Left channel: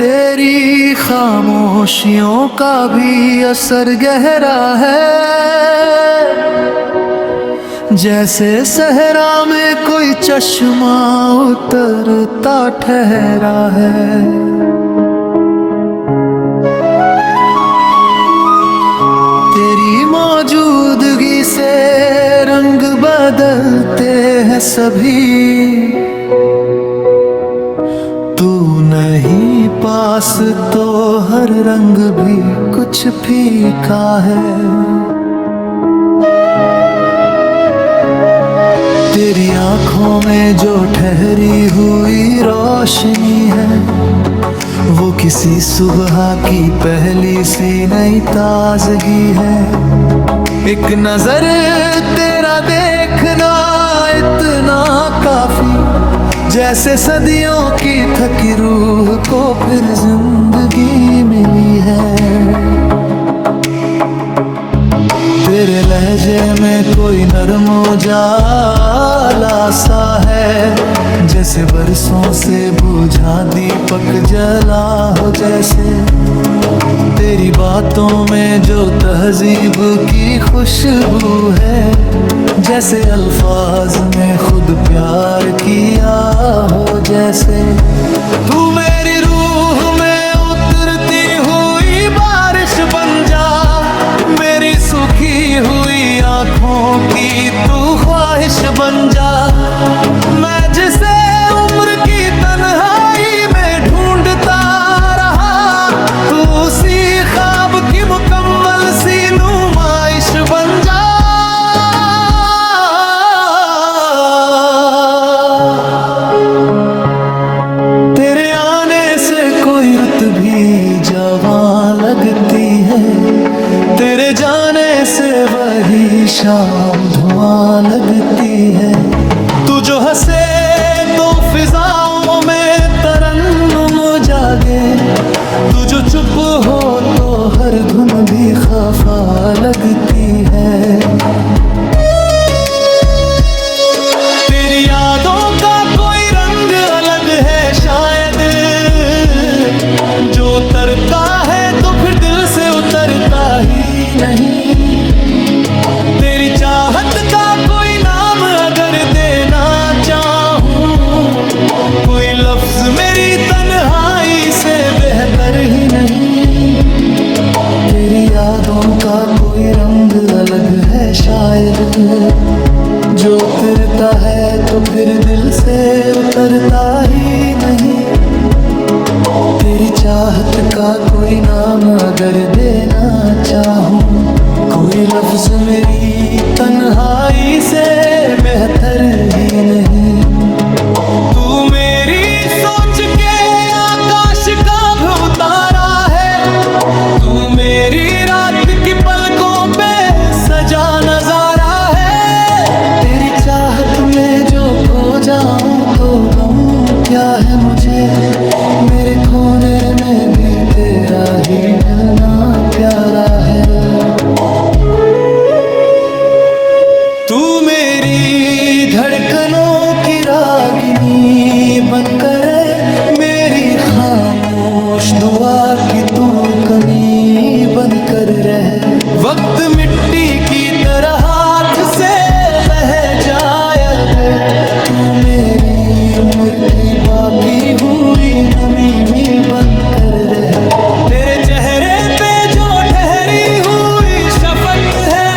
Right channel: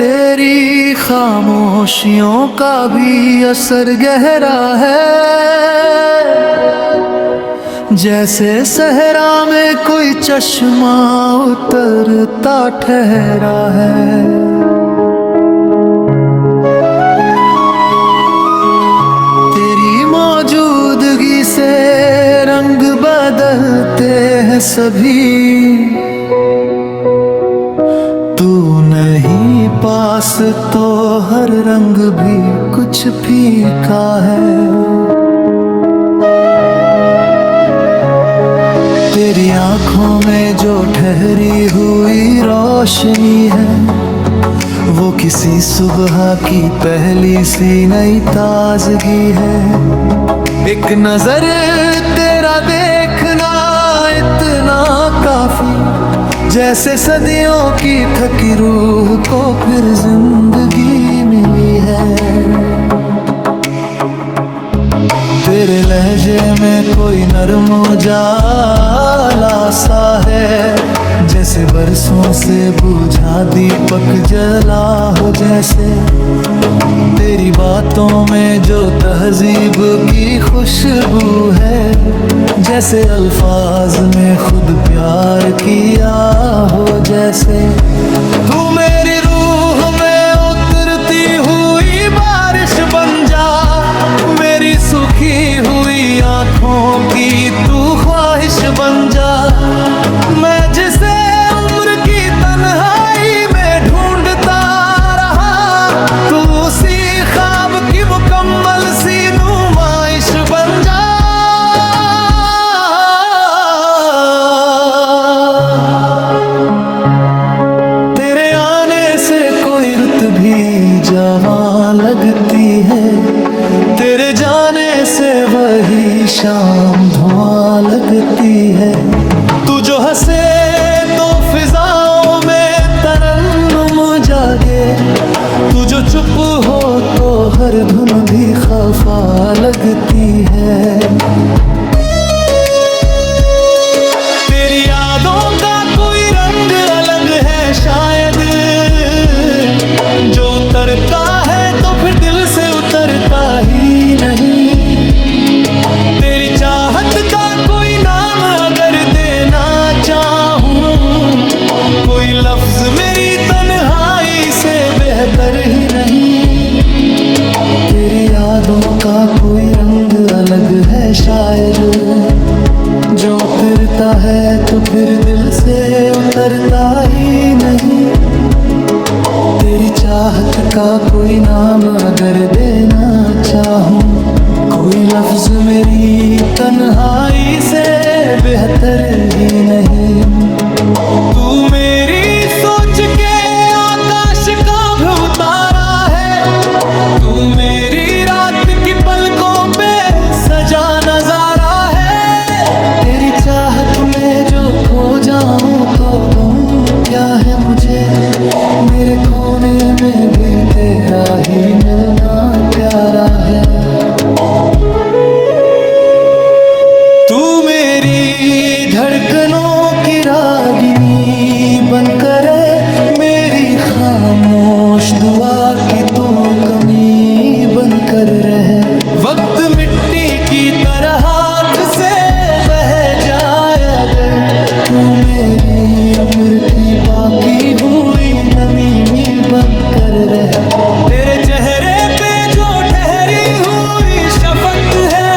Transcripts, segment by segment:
तेरी खामोशियों का भी असर गहरा है, जैसे सहरा में कोई चश्मा उतरता ठहरा है। तेरी मौजूदगी से रंग बदलते हैं सभी, तू नहीं पास तो हर रंग भी कुछ फीका है। तेरी आंखों में जो ठहरी हुई रोशनी है, वो किसी सुबह की पहली सी नई ताजगी है। एक नजर तेरा देखना इतना काफी, जैसे सदियों की थकी रूह को फिर जिंदगी मिली है। तेरे लहजे में कोई नरम उजाला सा है, जैसे बरसों से बुझा दीपक जला हो। जैसे तेरी बातों में जो तहजीब की खुशबू है, जैसे अल्फाज में खुद प्यार किया हो। जैसे तू मेरी रूह में उतरती हुई बारिश बन जा, मेरी सूखी हुई आंखों की तू ख्वाहिश बन जा। मैं जिसे उम्र की तन्हाई में ढूंढता रहा, तू उसी ख्वाब की मुकम्मल सी नुमाइश बन जा। तेरे आने से कोई रुत भी जवां लगती है, तेरे जाने से वही शाम धुआं लगती है। तू जो हंसे तो फिजाओं में तरन्नुम जागे, तू जो चुप हो तो हर धुन भी खफा लगती है। तेरी यादों का कोई रंग अलग है शायद, जो उतरता है तो फिर दिल से उतरता ही नहीं। तेरी चाहत का कोई नाम अगर देना चाहूं, कोई लफ्ज मेरी तन्हाई से बेहतर ही नहीं। तेरी यादों का कोई रंग अलग है शायद, जो उतरता है तो फिर दिल से उतरता ही नहीं। तेरी चाहत का कोई नाम अगर देना चाहूं, कोई लफ्ज मेरी तन्हाई से बेहतर ही नहीं। तू मेरी सोच के आकाश का भी उतारा है, तू मेरी रात की पलकों पे सजा नजारा है। तेरी चाहत में जो खो जाऊं तो गम क्या है मुझे, मेरे खोने में भी तेरा ही मिलना प्यारा है। तू मेरी धड़कनों की रागिनी बनकर मेरी खामोश दुआ की तू कमी बनकर रहे। वक्त मिट्टी की तरह हाथ से बह जाए अगर, तू मेरी उम्र की बाकी हुई नमी में बनकर रहे। तेरे चेहरे पे जो ठहरी हुई शफकत है,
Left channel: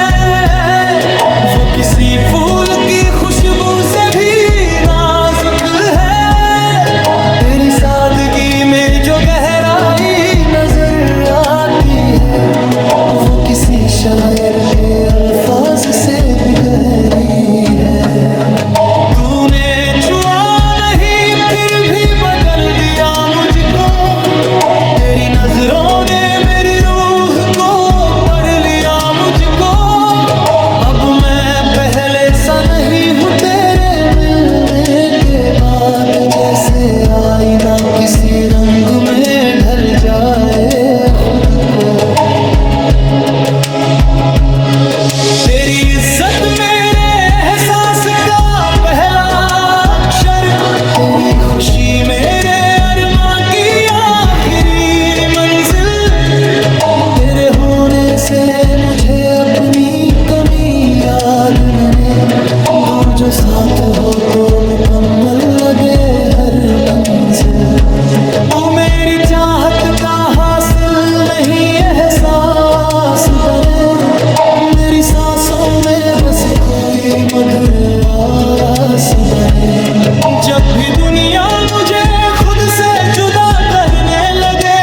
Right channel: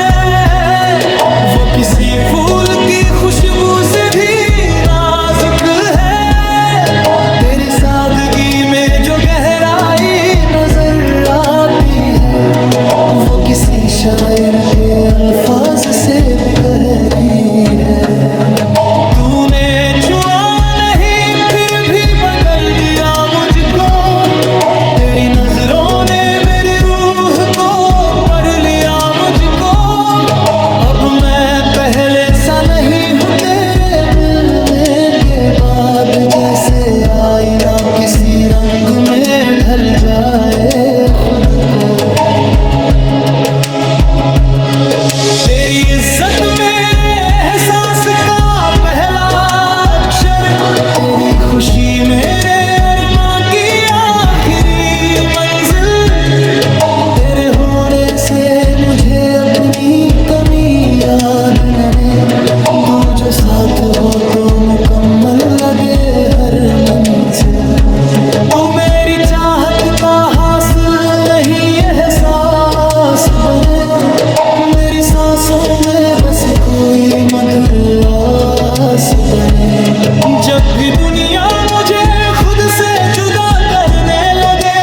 वो किसी फूल की खुशबू से भी नाजुक है। तेरी सादगी में जो गहराई नजर आती है, वो किसी शायर के अल्फाज से भी गहरी है। तूने छुआ नहीं फिर भी बदल दिया मुझको, तेरी नजरों ने मेरी रूह को पढ़ लिया मुझको। अब मैं पहले सा नहीं हूँ तेरे मिलने के बाद, जैसे आईना किसी रंग में ढल जाए खुद को। तेरी इज्जत मेरे एहसास का पहला अक्षर, तेरी खुशी मेरे अरमां की आखिरी से मुझे अपनी कमी याद न रहे। तू जो साथ हो तो मुकम्मल लगे हर मंजिल। तू मेरी चाहत का हासिल नहीं एहसास बने। मेरी सांसों में बस कोई मधुर आस बने। जब भी दुनिया मुझे खुद से जुदा करने लगे,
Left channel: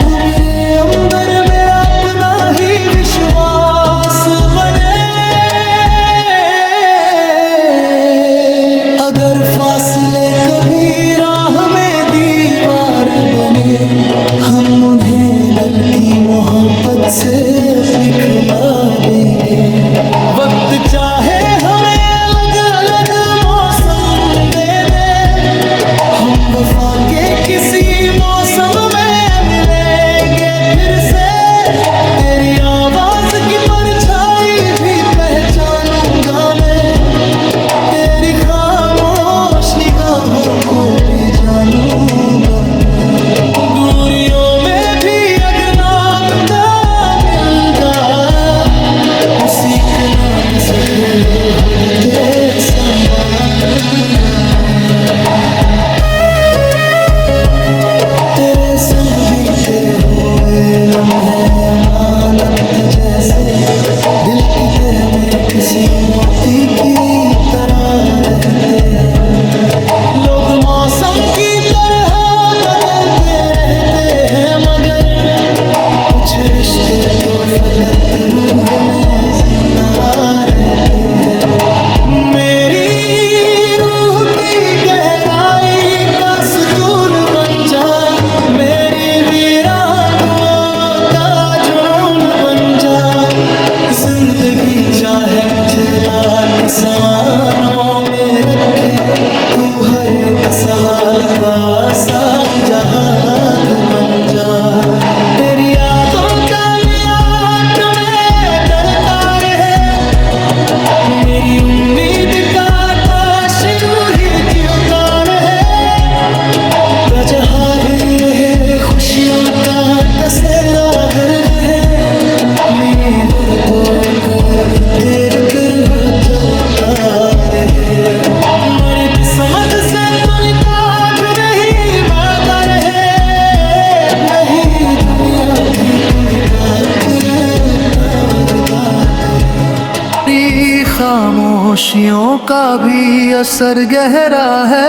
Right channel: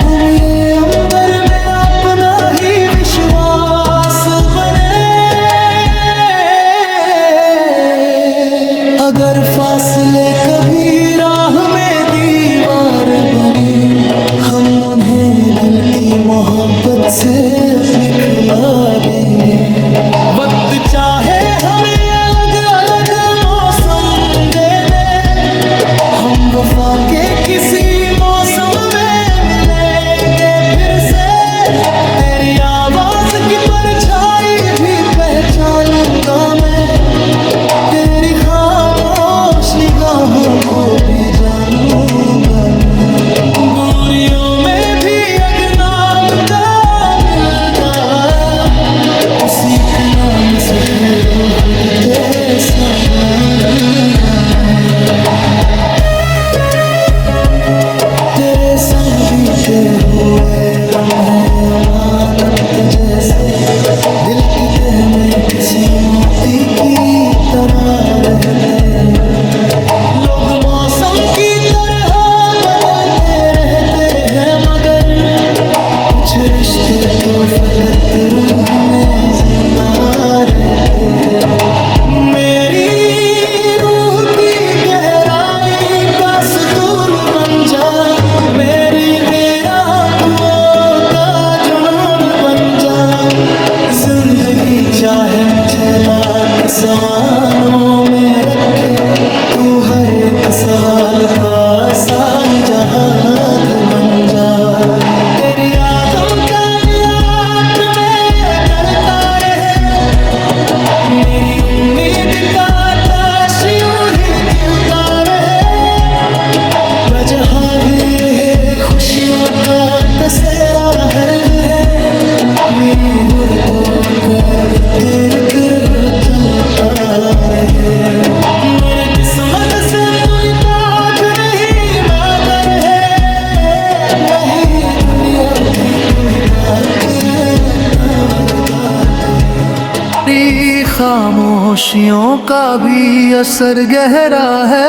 तू मेरे अंदर मेरा अपना ही विश्वास बने। अगर फासले कभी राह में दीवार बने, हम उन्हें दिल की मोहब्बत से अपनी खिला देंगे। वक्त चाहे हमें अलग अलग मौसम दे दे, हम वफा के किसी मौसम में मिलेंगे फिर से। तेरी आवाज की परछाई भी पहचानूंगा मैं, तेरी खामोश निगाहों को भी जानूंगा मैं। दूरियों में भी अगर नाम दा मिल जाए, उसी के नाम से फिर खुद के संभालूंगा मैं। तेरे संग बीते हुए लम्हे अमानत जैसे, दिल की तह में किसी मोती की तरह रहते हैं। लोग मौसम की तरह बदलते रहते हैं, मगर कुछ रिश्ते तो फकत रूह में जिंदा रहते हैं। मेरी रूह की गहराई का सुकून बन जा, मेरी वीरान दुआओं का जुनून बन जा। जिंदगी चाहे मुझे लाख सवालों में रखे, तू हर एक सवाल का आसान जवाब बन जा। तेरी यादों का नियात में चलता रहे, मेरी उम्मीद का आकाश यूं ही चिलता रहे। रजहाली है खुशियों का कसेरा हर्द है, मेरी गुर को कर तेरे फिर चलता रहे। मेरी किस्मत से तू निकात नहीं माता रहे, नहीं दुनिया की तुलगा करे तोरगा करे। खामोशियों का भी असर गहरा है,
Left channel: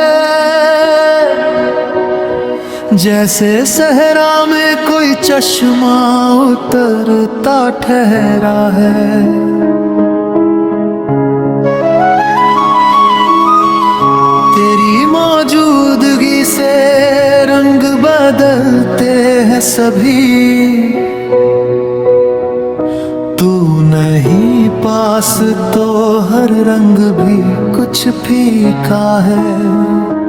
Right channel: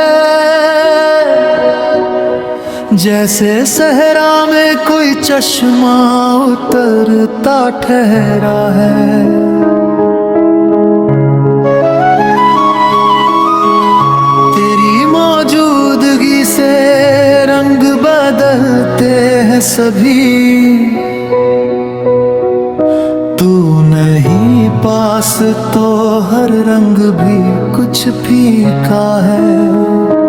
जैसे सहरा में कोई चश्मा उतरता ठहरा है। तेरी मौजूदगी से रंग बदलते हैं सभी, तू नहीं पास तो हर रंग भी कुछ फीका है।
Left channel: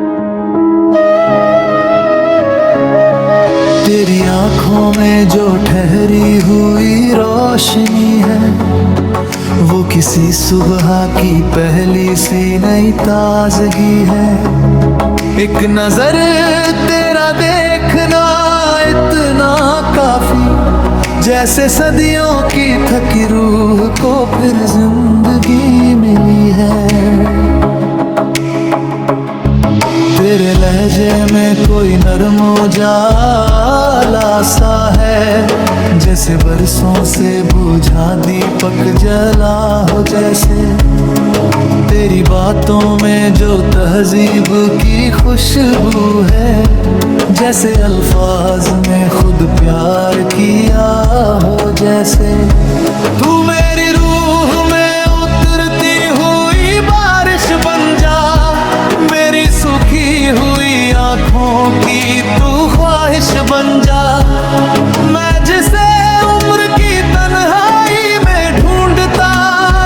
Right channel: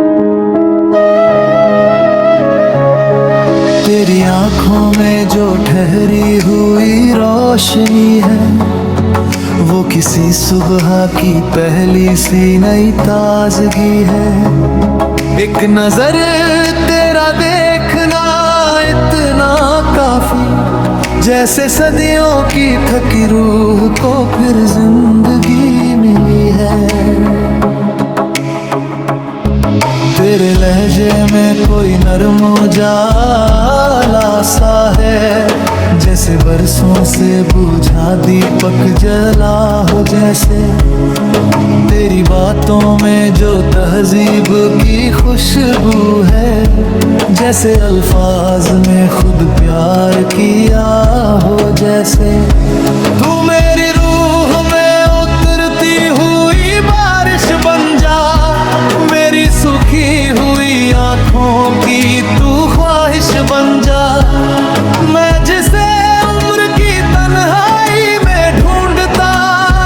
तेरी आंखों में जो ठहरी हुई रोशनी है, वो किसी सुबह की पहली सी नई ताजगी है। एक नजर तेरा देखना इतना काफी, जैसे सदियों की थकी रूह को फिर जिंदगी मिली है। तेरे लहजे में कोई नरम उजाला सा है, जैसे बरसों से बुझा दीपक जला हो जैसे। तेरी बातों में जो तहजीब की खुशबू है, जैसे अल्फाज में खुद प्यार किया हो जैसे। तू मेरी रूह में उतरती हुई बारिश बन जा, मेरी सूखी हुई आँखों की तू ख्वाहिश बन जा। मैं जिसे उम्र की तन्हाई में ढूंढता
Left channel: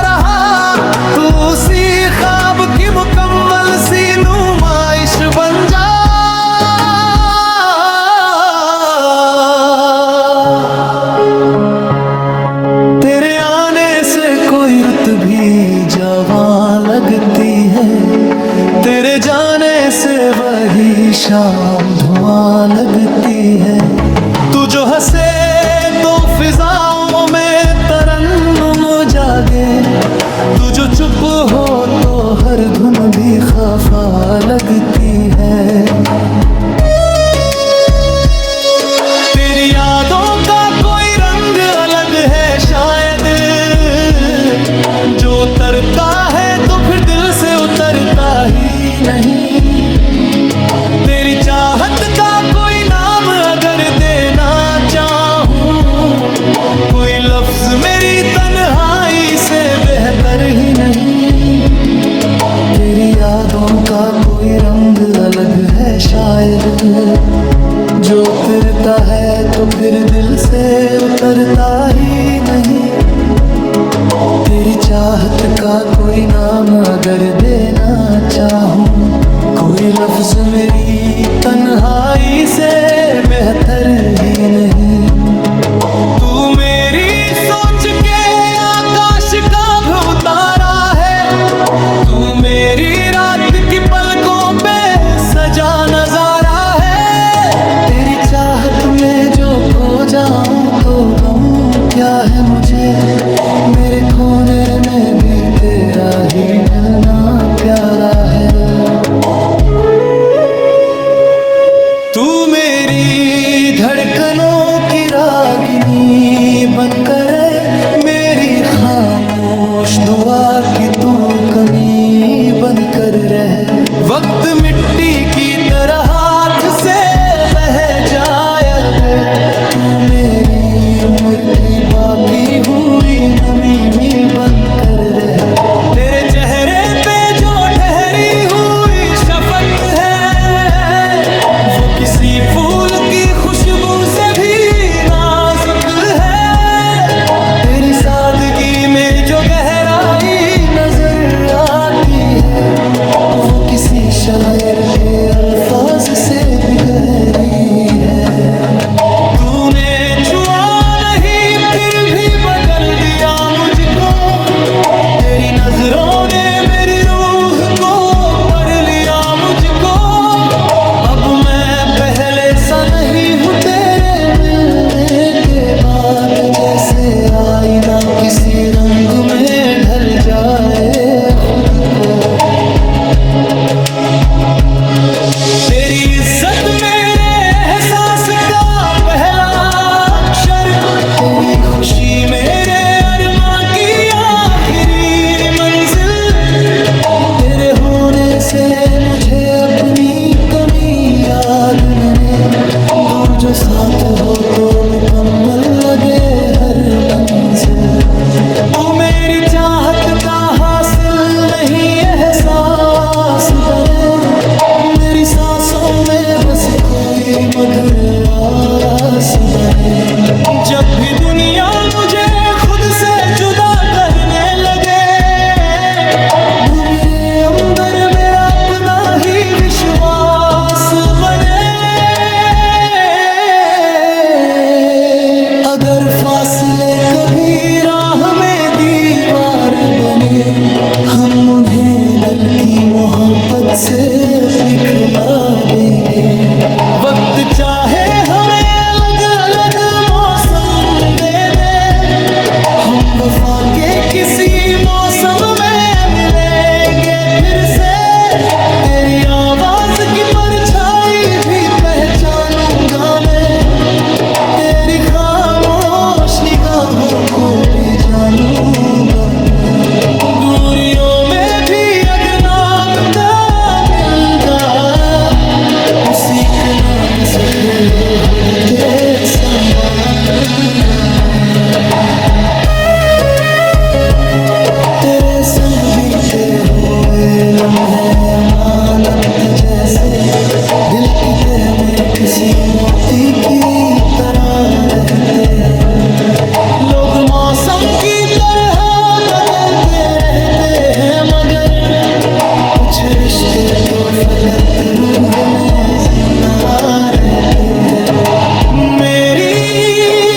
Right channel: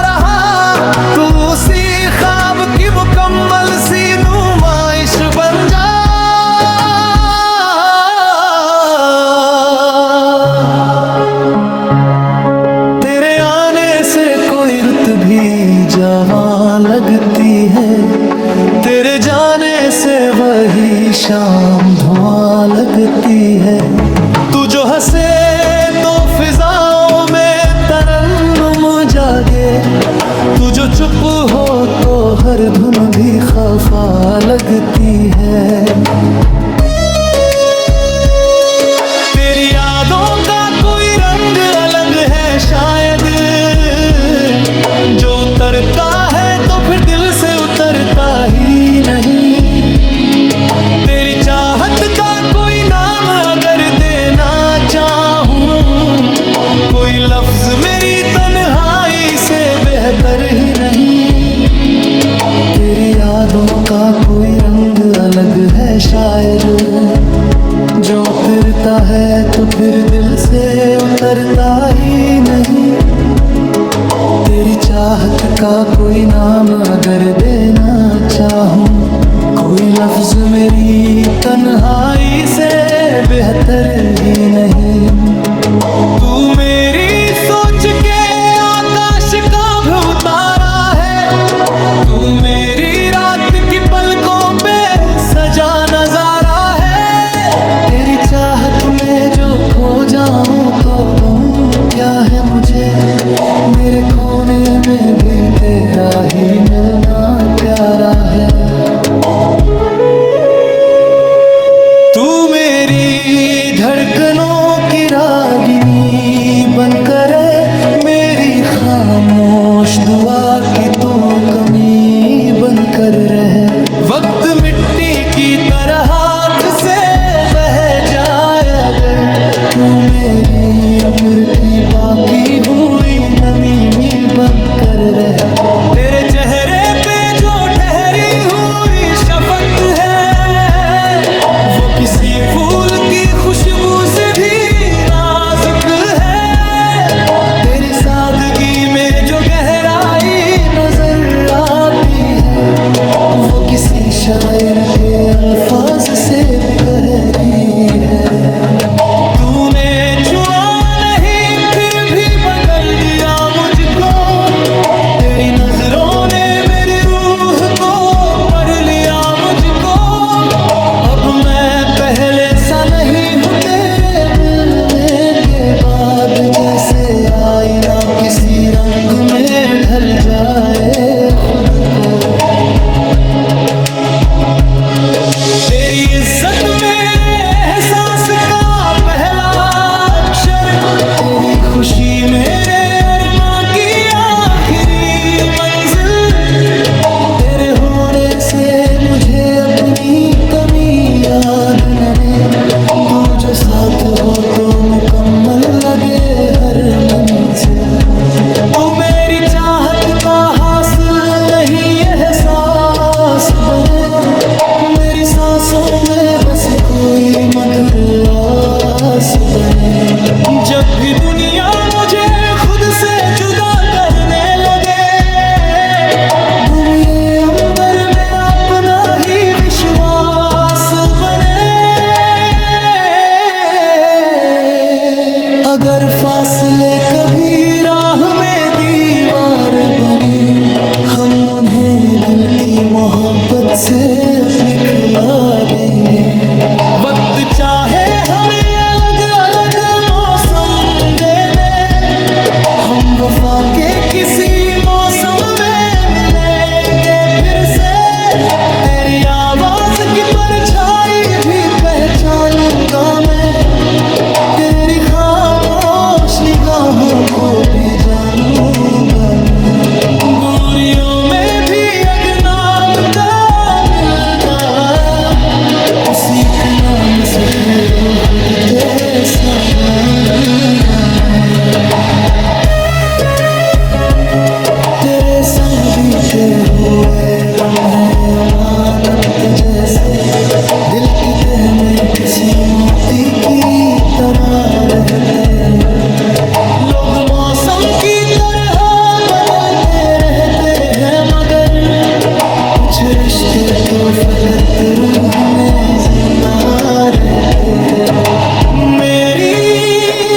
रहा, तू उसी ख्वाब की मुकम्मल सी नुमाइश बन जा। तेरे आने से कोई रुत भी जवां लगती है, तेरे जाने से वही शाम धुआं लगती है। तू जो हंसे तो फिजाओं में तरन्नुम जागे, तू जो चुप हो तो हर धुन भी खफा लगती है। तेरी यादों का कोई रंग अलग है शायद, जो उतरता है तो फिर दिल से उतरता ही नहीं। तेरी चाहत का कोई नाम अगर देना चाहूं, कोई लफ्ज मेरी तन्हाई से बेहतर ही नहीं। तेरी यादों का कोई रंग अलग है शायद, जो उतरता है तो फिर दिल से उतरता ही नहीं। तेरी चाहत का कोई नाम अगर देना चाहूं, कोई लफ्ज मेरी तन्हाई से बेहतर ही नहीं। तू मेरी सोच के आकाश का भी उतारा है, तू मेरी रात की पलकों पे सजा नजारा है। तेरी चाहत में जो खो जाऊं तो गम क्या है मुझे, मेरे खोने में भी तेरा ही मिलना प्यारा है। तू मेरी धड़कनों की रागिनी बनकर मेरी खामोश दुआ की तू कमी बनकर रहे। वक्त मिट्टी की तरह हाथ से बह जाए अगर, तू मेरी उम्र की बाकी हुई नमी में बनकर रहे। तेरे चेहरे पे जो ठहरी हुई शफकत है, वो किसी फूल की खुशबू से भी नाजुक है। तेरी सादगी में जो गहराई नजर आती है, वो किसी शायर के अल्फाज से भी गहरी है। तूने छुआ नहीं फिर भी बदल दिया मुझको, तेरी नजरों ने मेरी रूह को पढ़ लिया मुझको। अब मैं पहले सा नहीं हूँ तेरे मिलने के बाद, जैसे आईना किसी रंग में ढल जाए खुद को। तेरी इज्जत मेरे एहसास का पहला अक्षर, तेरी खुशी मेरे अरमां की आखिरी मंजिल। तेरे होने से मुझे अपनी कमी याद न रहे, तू जो साथ हो तो मुकम्मल लगे हर मंजिल। तू मेरी चाहत का हासिल नहीं एहसास बने, मेरी सांसों में बस कोई मधुर आस बने। जब भी दुनिया मुझे खुद से जुदा करने लगे, तू मेरे अंदर मेरा अपना ही विश्वास बने। अगर फासले कभी राह में दीवार बने, हम उन्हें दिल की मोहब्बत से अपनी खिला देंगे। वक्त चाहे हमें अलग अलग मौसम दे दे, हम वफा के किसी मौसम में मिलेंगे फिर से। तेरी आवाज की परछाई भी पहचानूंगा मैं, तेरी खामोश निगाहों को भी जानूंगा मैं। दूरियों में भी अगर नाम दा मिलदा, उसी के नाम से फिर खुद ते संभालूंगा मैं। तेरे संग बीते हुए लम्हे अमानत जैसे, दिल की तह में किसी मोती की तरह रहते हैं। लोग मौसम की तरह बदलते रहते हैं, मगर कुछ रिश्ते तो फकत रूह में जिंदा रहते हैं। मेरी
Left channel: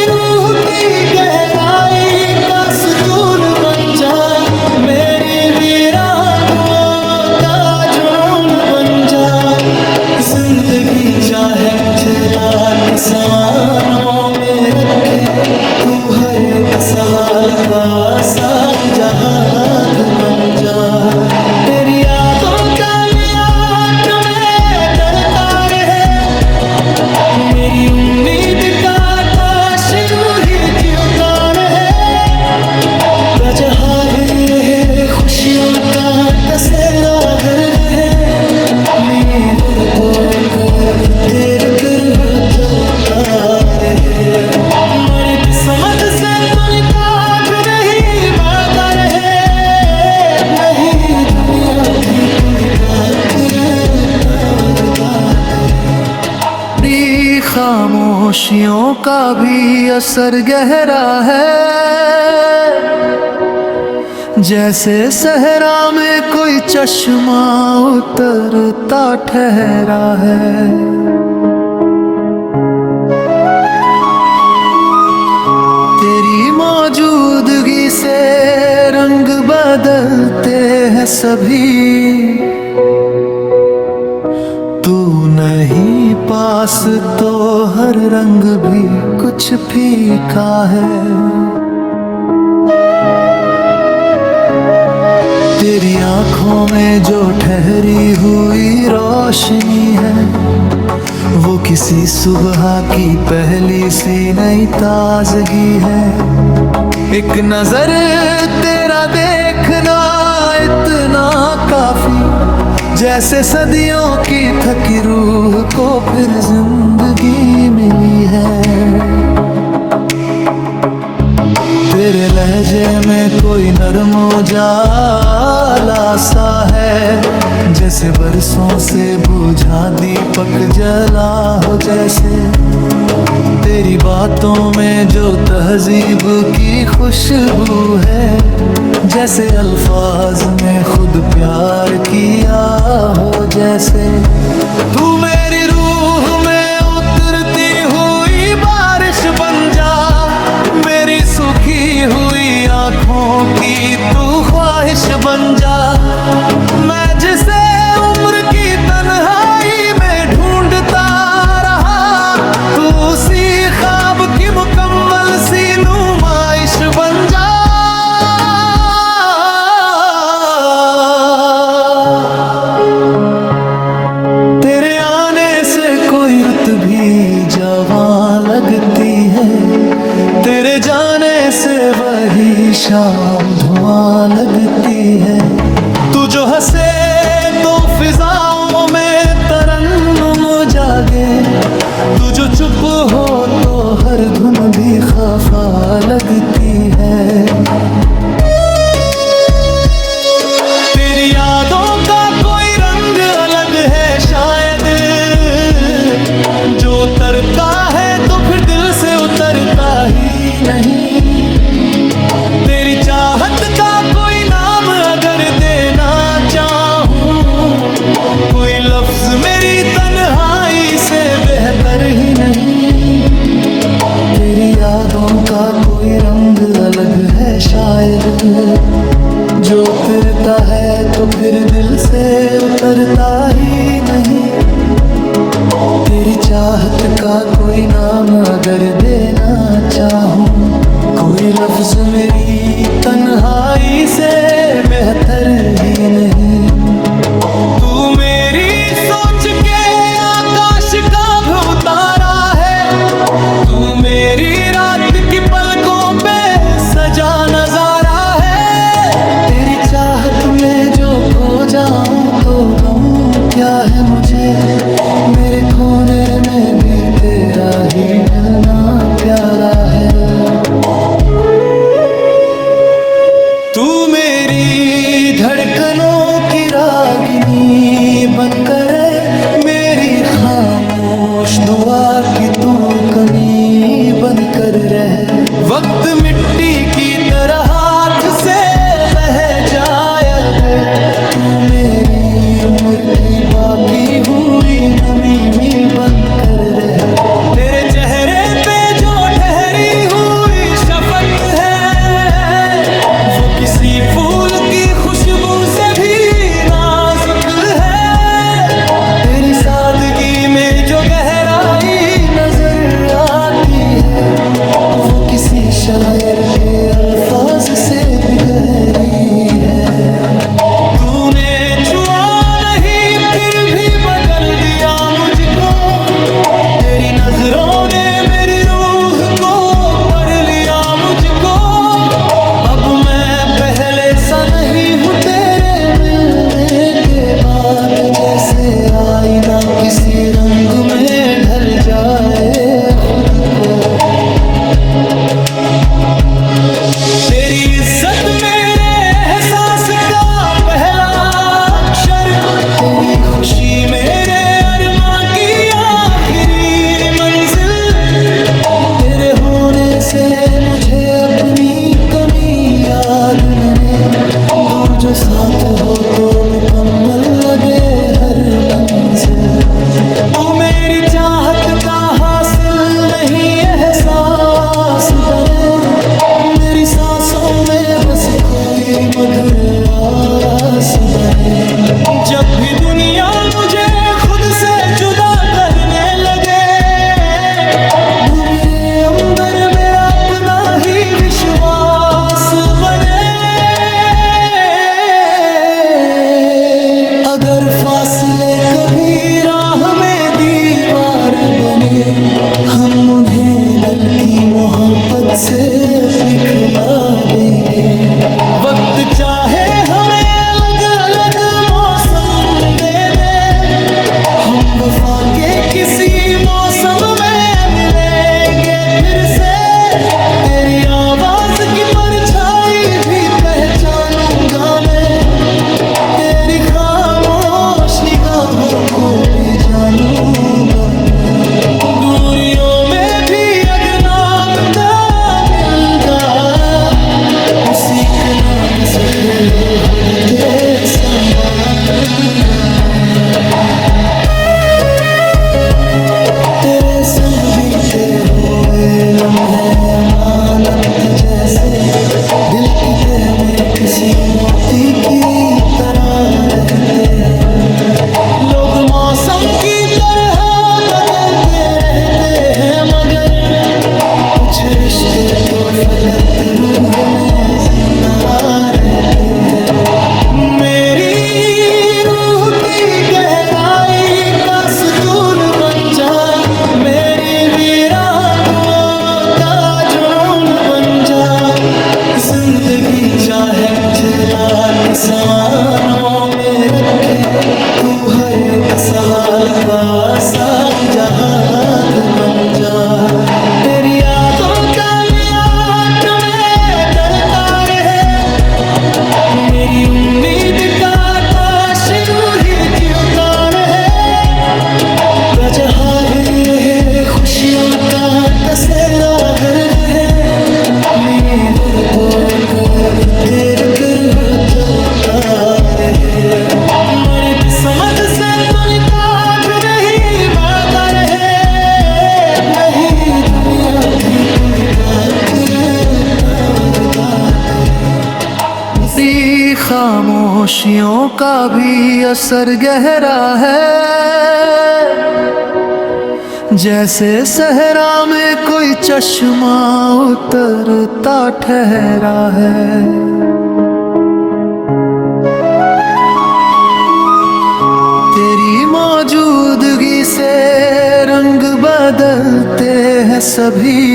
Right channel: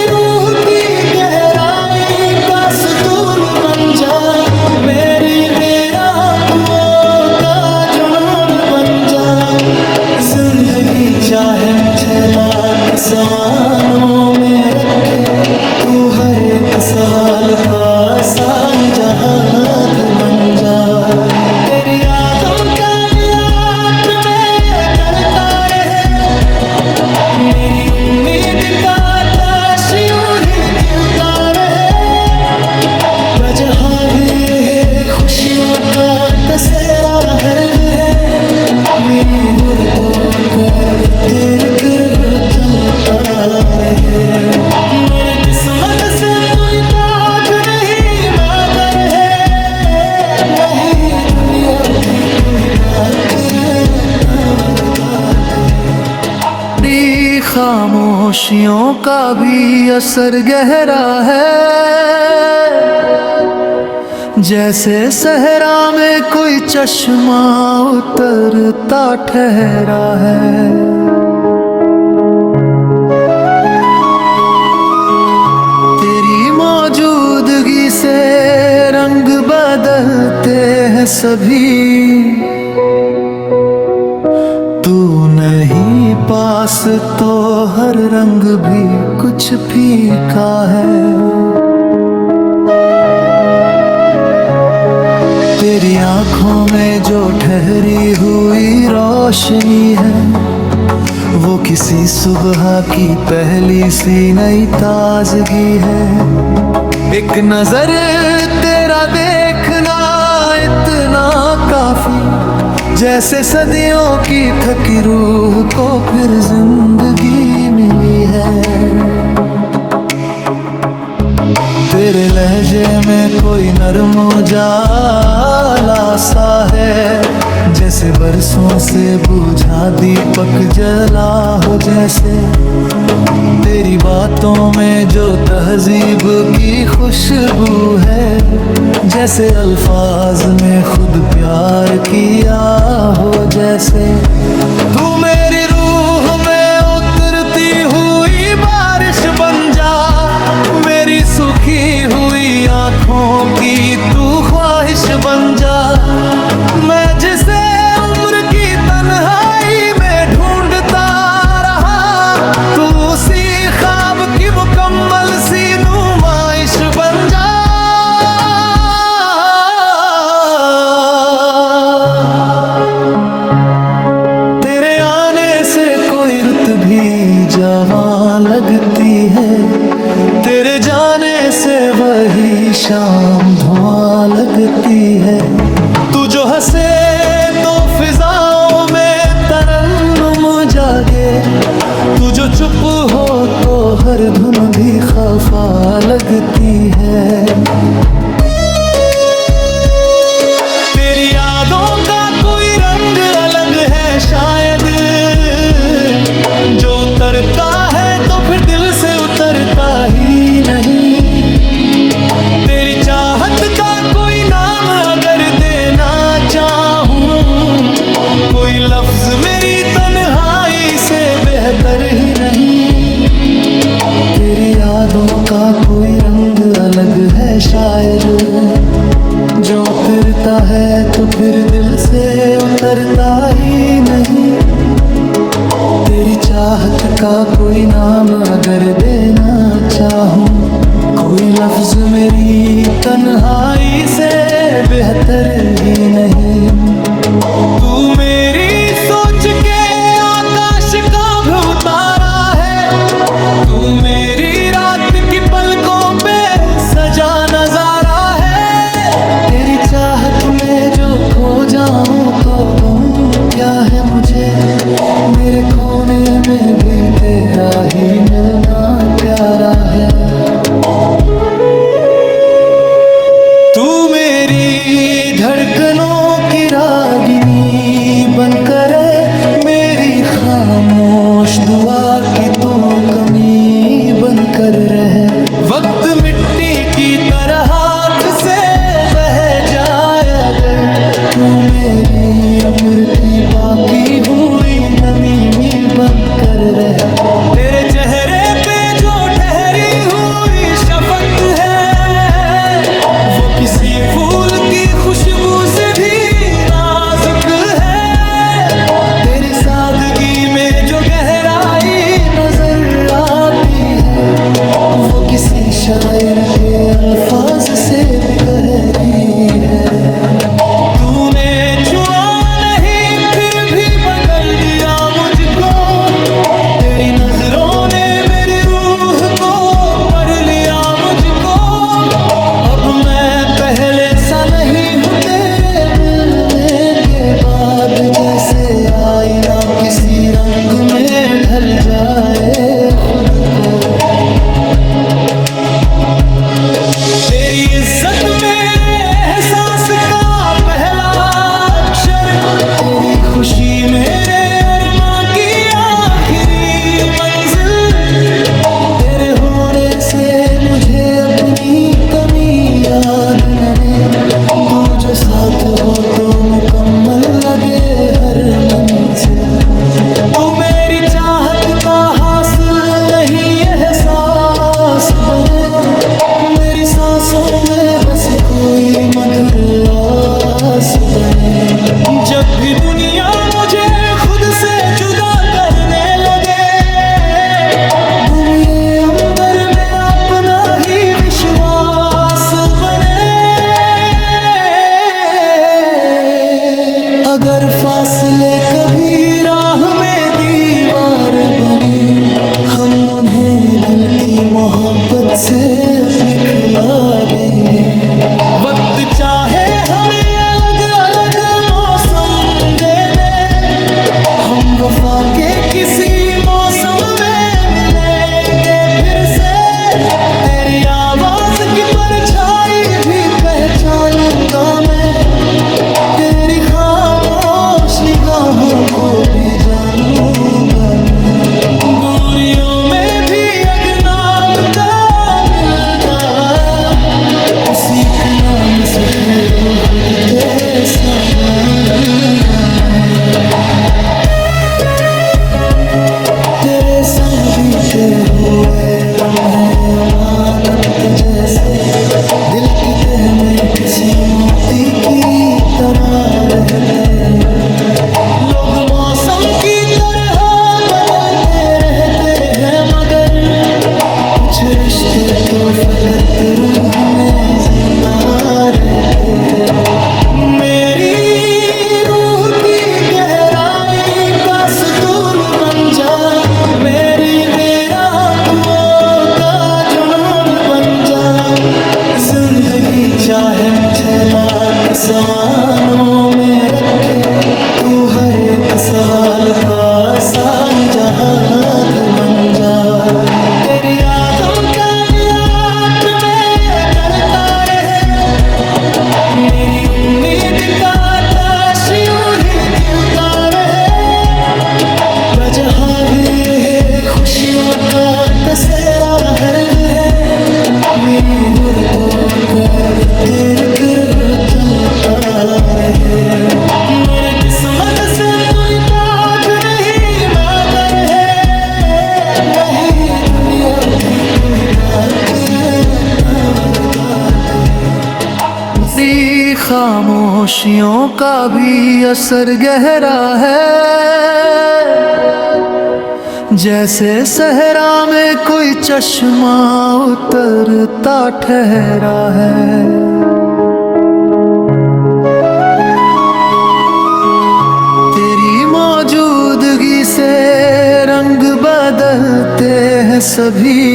रूह की गहराई का सुतून बन जा, मेरी वीरान दुआओं का जुनून बन जा। जिंदगी चाहे मुझे लाख सवानों में रखे, तू हर एक सवाल का आसान जवाब बन जा। तेरी यादों का मियाद में चलता रहे, मेरी उम्मीद का आकाश यूं ही जीता रहे। बजहाल ये है खुशियों का कसेरा गर्व है, मेरे गुर को कर तेरे तरह चलता रहे। मेरी किस्मत से तू निकाब नहीं माता रहे, नहीं दुनिया की तू क्या करे तेरी खामोशियों का भी असर गहरा है, जैसे सहरा में कोई चश्मा उतरता ठहरा है। तेरी मौजूदगी से रंग बदलते हैं सभी, तू नहीं पास तो हर रंग भी कुछ फीका है। तेरी आंखों में जो ठहरी हुई रोशनी है, वो किसी सुबह की पहली सी नई ताजगी है। एक नजर तेरा देखना इतना काफी, जैसे सदियों की थकी रूह को फिर जिंदगी मिली है। तेरे लहजे में कोई नरम उजाला सा है, जैसे बरसों से बुझा दीपक जला हो जैसे। तेरी बातों में जो तहजीब की खुशबू है, जैसे अल्फाज में खुद प्यार किया हो जैसे। तू मेरी रूह में उतरती हुई बारिश बन जा, मेरी सुखी हुई आंखों की तू ख्वाहिश बन जा। मैं जिसे उम्र की तन्हाई में ढूंढता रहा, तू उसी ख्वाब की मुकम्मल सी नुमाइश बन जा। तेरे आने से कोई रुत भी जवां लगती है, तेरे जाने से वही शाम धुआं लगती है। तू जो हंसे तो फिजाओं में तरन्नुम जागे, तू जो चुप हो तो हर धुन भी खफा लगती है। तेरी यादों का कोई रंग अलग है शायद, जो उतरता है तो फिर दिल से उतरता ही नहीं। तेरी चाहत का कोई नाम अगर देना चाहूं, कोई लफ्ज मेरी तन्हाई से बेहतर ही नहीं। तेरी यादों का कोई रंग अलग है शायद, जो उतरता है तो फिर दिल से उतरता ही नहीं। तेरी चाहत का कोई नाम अगर देना चाहूं, कोई लफ्ज मेरी तन्हाई से बेहतर ही नहीं। तू मेरी सोच के आकाश का भी उतारा है, तू मेरी रात की पलकों पे सजा नजारा है। तेरी चाहत में जो खो जाऊं तो गम क्या है मुझे, मेरे खोने में भी तेरा ही मिलना प्यारा है। तू मेरी धड़कनों की रागिनी बनकर मेरी खामोश दुआ की तू कमी बनकर रहे। वक्त मिट्टी की तरह हाथ से बह जाए अगर, तू मेरी उम्र की बाकी हुई नमी में बनकर रहे। तेरे चेहरे पे जो ठहरी हुई शफकत है, वो किसी फूल की खुशबू से भी नाजुक है। तेरी सादगी में जो गहराई नजर आती है, वो किसी शायर के अल्फाज से भी गहरी है। तूने छुआ नहीं फिर भी बदल दिया मुझको, तेरी नजरों ने मेरी रूह को पढ़ लिया मुझको। अब मैं पहले सा नहीं हूँ तेरे मिलने के बाद, जैसे आईना किसी रंग में ढल जाए खुद को। तेरी इज्जत मेरे एहसास का पहला अक्षर, तेरी खुशी मेरे अरमां की आखिरी मंजिल। तेरे होने से मुझे अपनी कमी याद न रहे, तू जो साथ हो तो मुकम्मल लगे हर मंजिल। तू मेरी चाहत का हासिल नहीं एहसास बने, मेरी सांसों में बस कोई मधुर आस बने। जब भी दुनिया मुझे खुद से जुदा करने लगे, तू मेरे अंदर मेरा अपना ही विश्वास बने। अगर फासले कभी राह में दीवार बने, हम उन्हें दिल की मोहब्बत से अपनी खिला देंगे। वक्त चाहे हमें अलग अलग मौसम दे दे, हम वफा के किसी मौसम में मिलेंगे फिर से। तेरी आवाज की परछाई भी पहचानूंगा मैं, तेरी खामोश निगाहों को भी जानूंगा मैं। दूरियों में भी अगर नाम दा मिलदा, उसी के नाम से फिर खुद के संभालूंगा मैं। तेरे संग बीते हुए लम्हे अमानत जैसे, दिल की तह में किसी मोती की तरह रहते हैं। लोग मौसम की तरह बदलते रहते हैं, मगर कुछ रिश्ते तो फकत रूह में जिंदा रहते हैं। मेरी रूह की गहराई का सुकून बन जा, मेरी वीरान दुआओं का जुनून बन जा। जिंदगी चाहे मुझे लाख सवालों में रखे, तू हर एक सवाल का आसान जवाब बन जा। तेरी यादों का नियात में डरता रहे, मेरी उम्मीद का आकाश यूं ही जलता रहे। बजहाली है खुशियों का कसेरा हर्द है, मेरी गुर को कर तेरे कर चलता रहे। मेरी किस्मत से तू निकात नहीं माता रहे, नहीं दुनिया की तू उसी खामोशियों का भी असर गहरा है, जैसे सहरा में कोई चश्मा उतरता ठहरा है। तेरी मौजूदगी से रंग बदलते हैं सभी,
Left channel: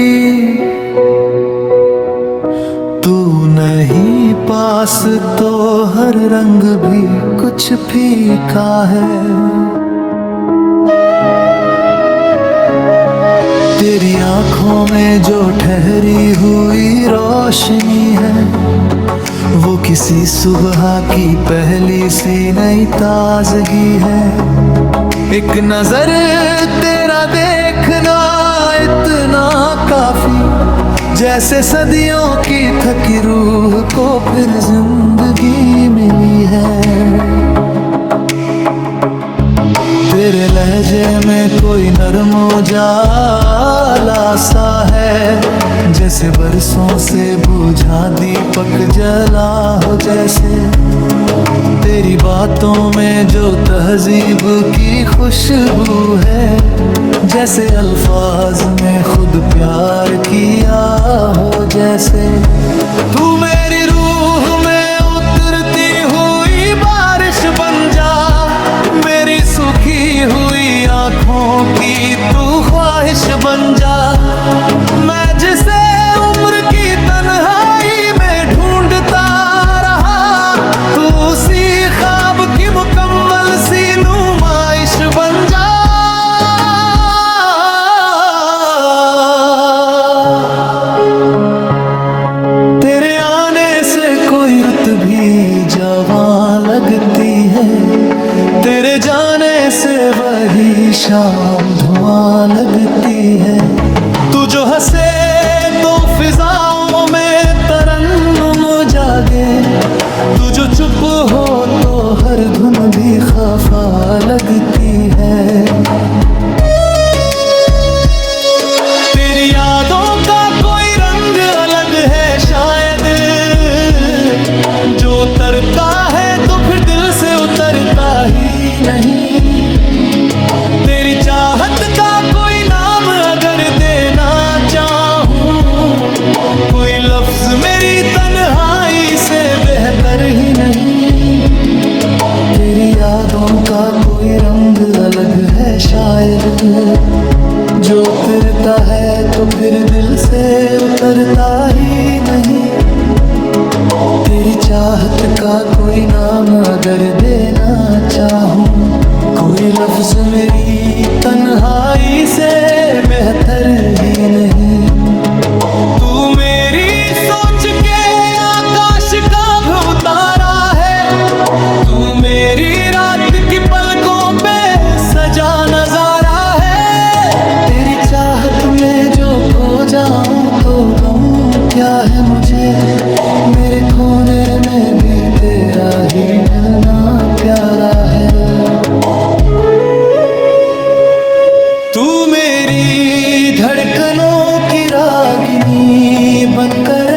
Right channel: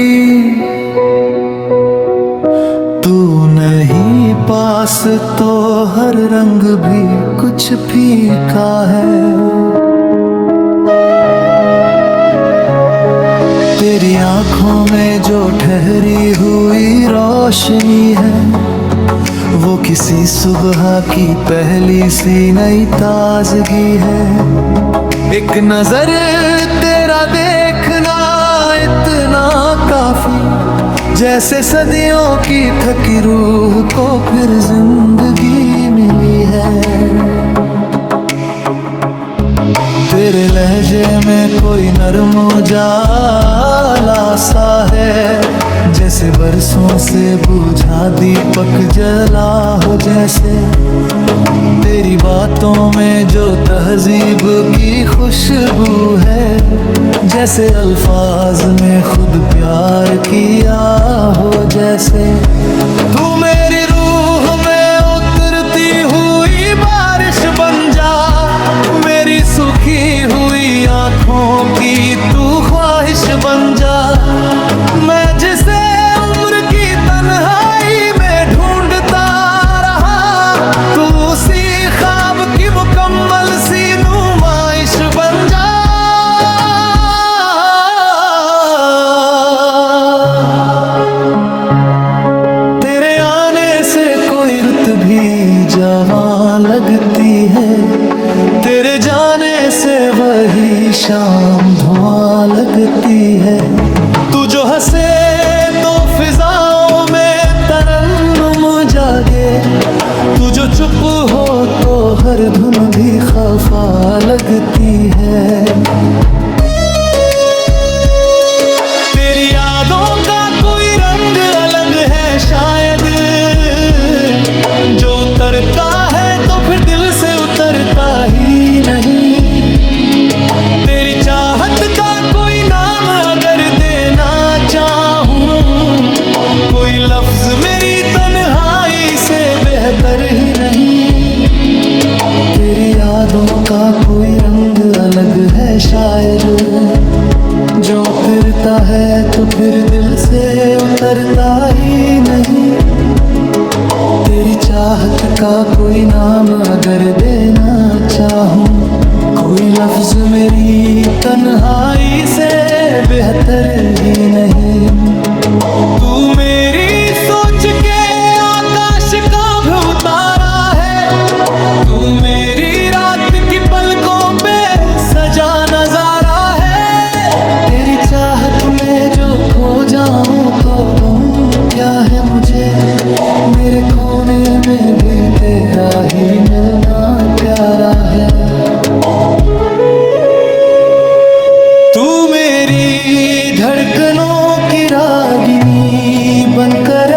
तू नहीं पास तो हर रंग भी कुछ फीका है। तेरी आंखों में जो ठहरी हुई रोशनी है, वो किसी सुबह की पहली सी नई ताजगी है। एक नजर तेरा देखना इतना काफी, जैसे सदियों की थकी रूह को फिर जिंदगी मिली है। तेरे लहजे में कोई नरम उजाला सा है, जैसे बरसों से बुझा दीपक जला हो जैसे। तेरी बातों में जो तहजीब की खुशबू है, जैसे अल्फाज में खुद प्यार किया हो। जैसे तू मेरी रूह में उतरती हुई बारिश बन जा, मेरी सूखी हुई आँखों की तू ख्वाहिश बन जा। मैं जिसे उम्र की तन्हाई में ढूंढता रहा, तू उसी ख्वाब की मुकम्मल सी नुमाइश बन जा। तेरे आने से कोई रुत भी जवां लगती है, तेरे जाने से वही शाम धुआं लगती है। तू जो हंसे तो फिजाओं में तरन्नुम जागे, तू जो चुप हो तो हर धुन भी खफा लगती है। तेरी यादों का कोई रंग अलग है शायद, जो उतरता है तो फिर दिल से उतरता ही नहीं। तेरी चाहत का कोई नाम अगर देना चाहूं, कोई लफ्ज मेरी तन्हाई से बेहतर ही नहीं। तेरी यादों का कोई रंग अलग है शायद, जो उतरता है तो फिर दिल से उतरता ही नहीं। तेरी चाहत का कोई नाम अगर देना चाहूं, कोई लफ्ज मेरी तन्हाई से बेहतर ही नहीं। तू मेरी सोच के आकाश का भी उतारा है, तू मेरी रात की पलकों पे सजा नजारा है। तेरी चाहत में जो खो जाऊं तो गम क्या है मुझे, मेरे खोने में भी तेरा ही मिलना प्यारा है। तू मेरी धड़कनों की रागिनी बनकर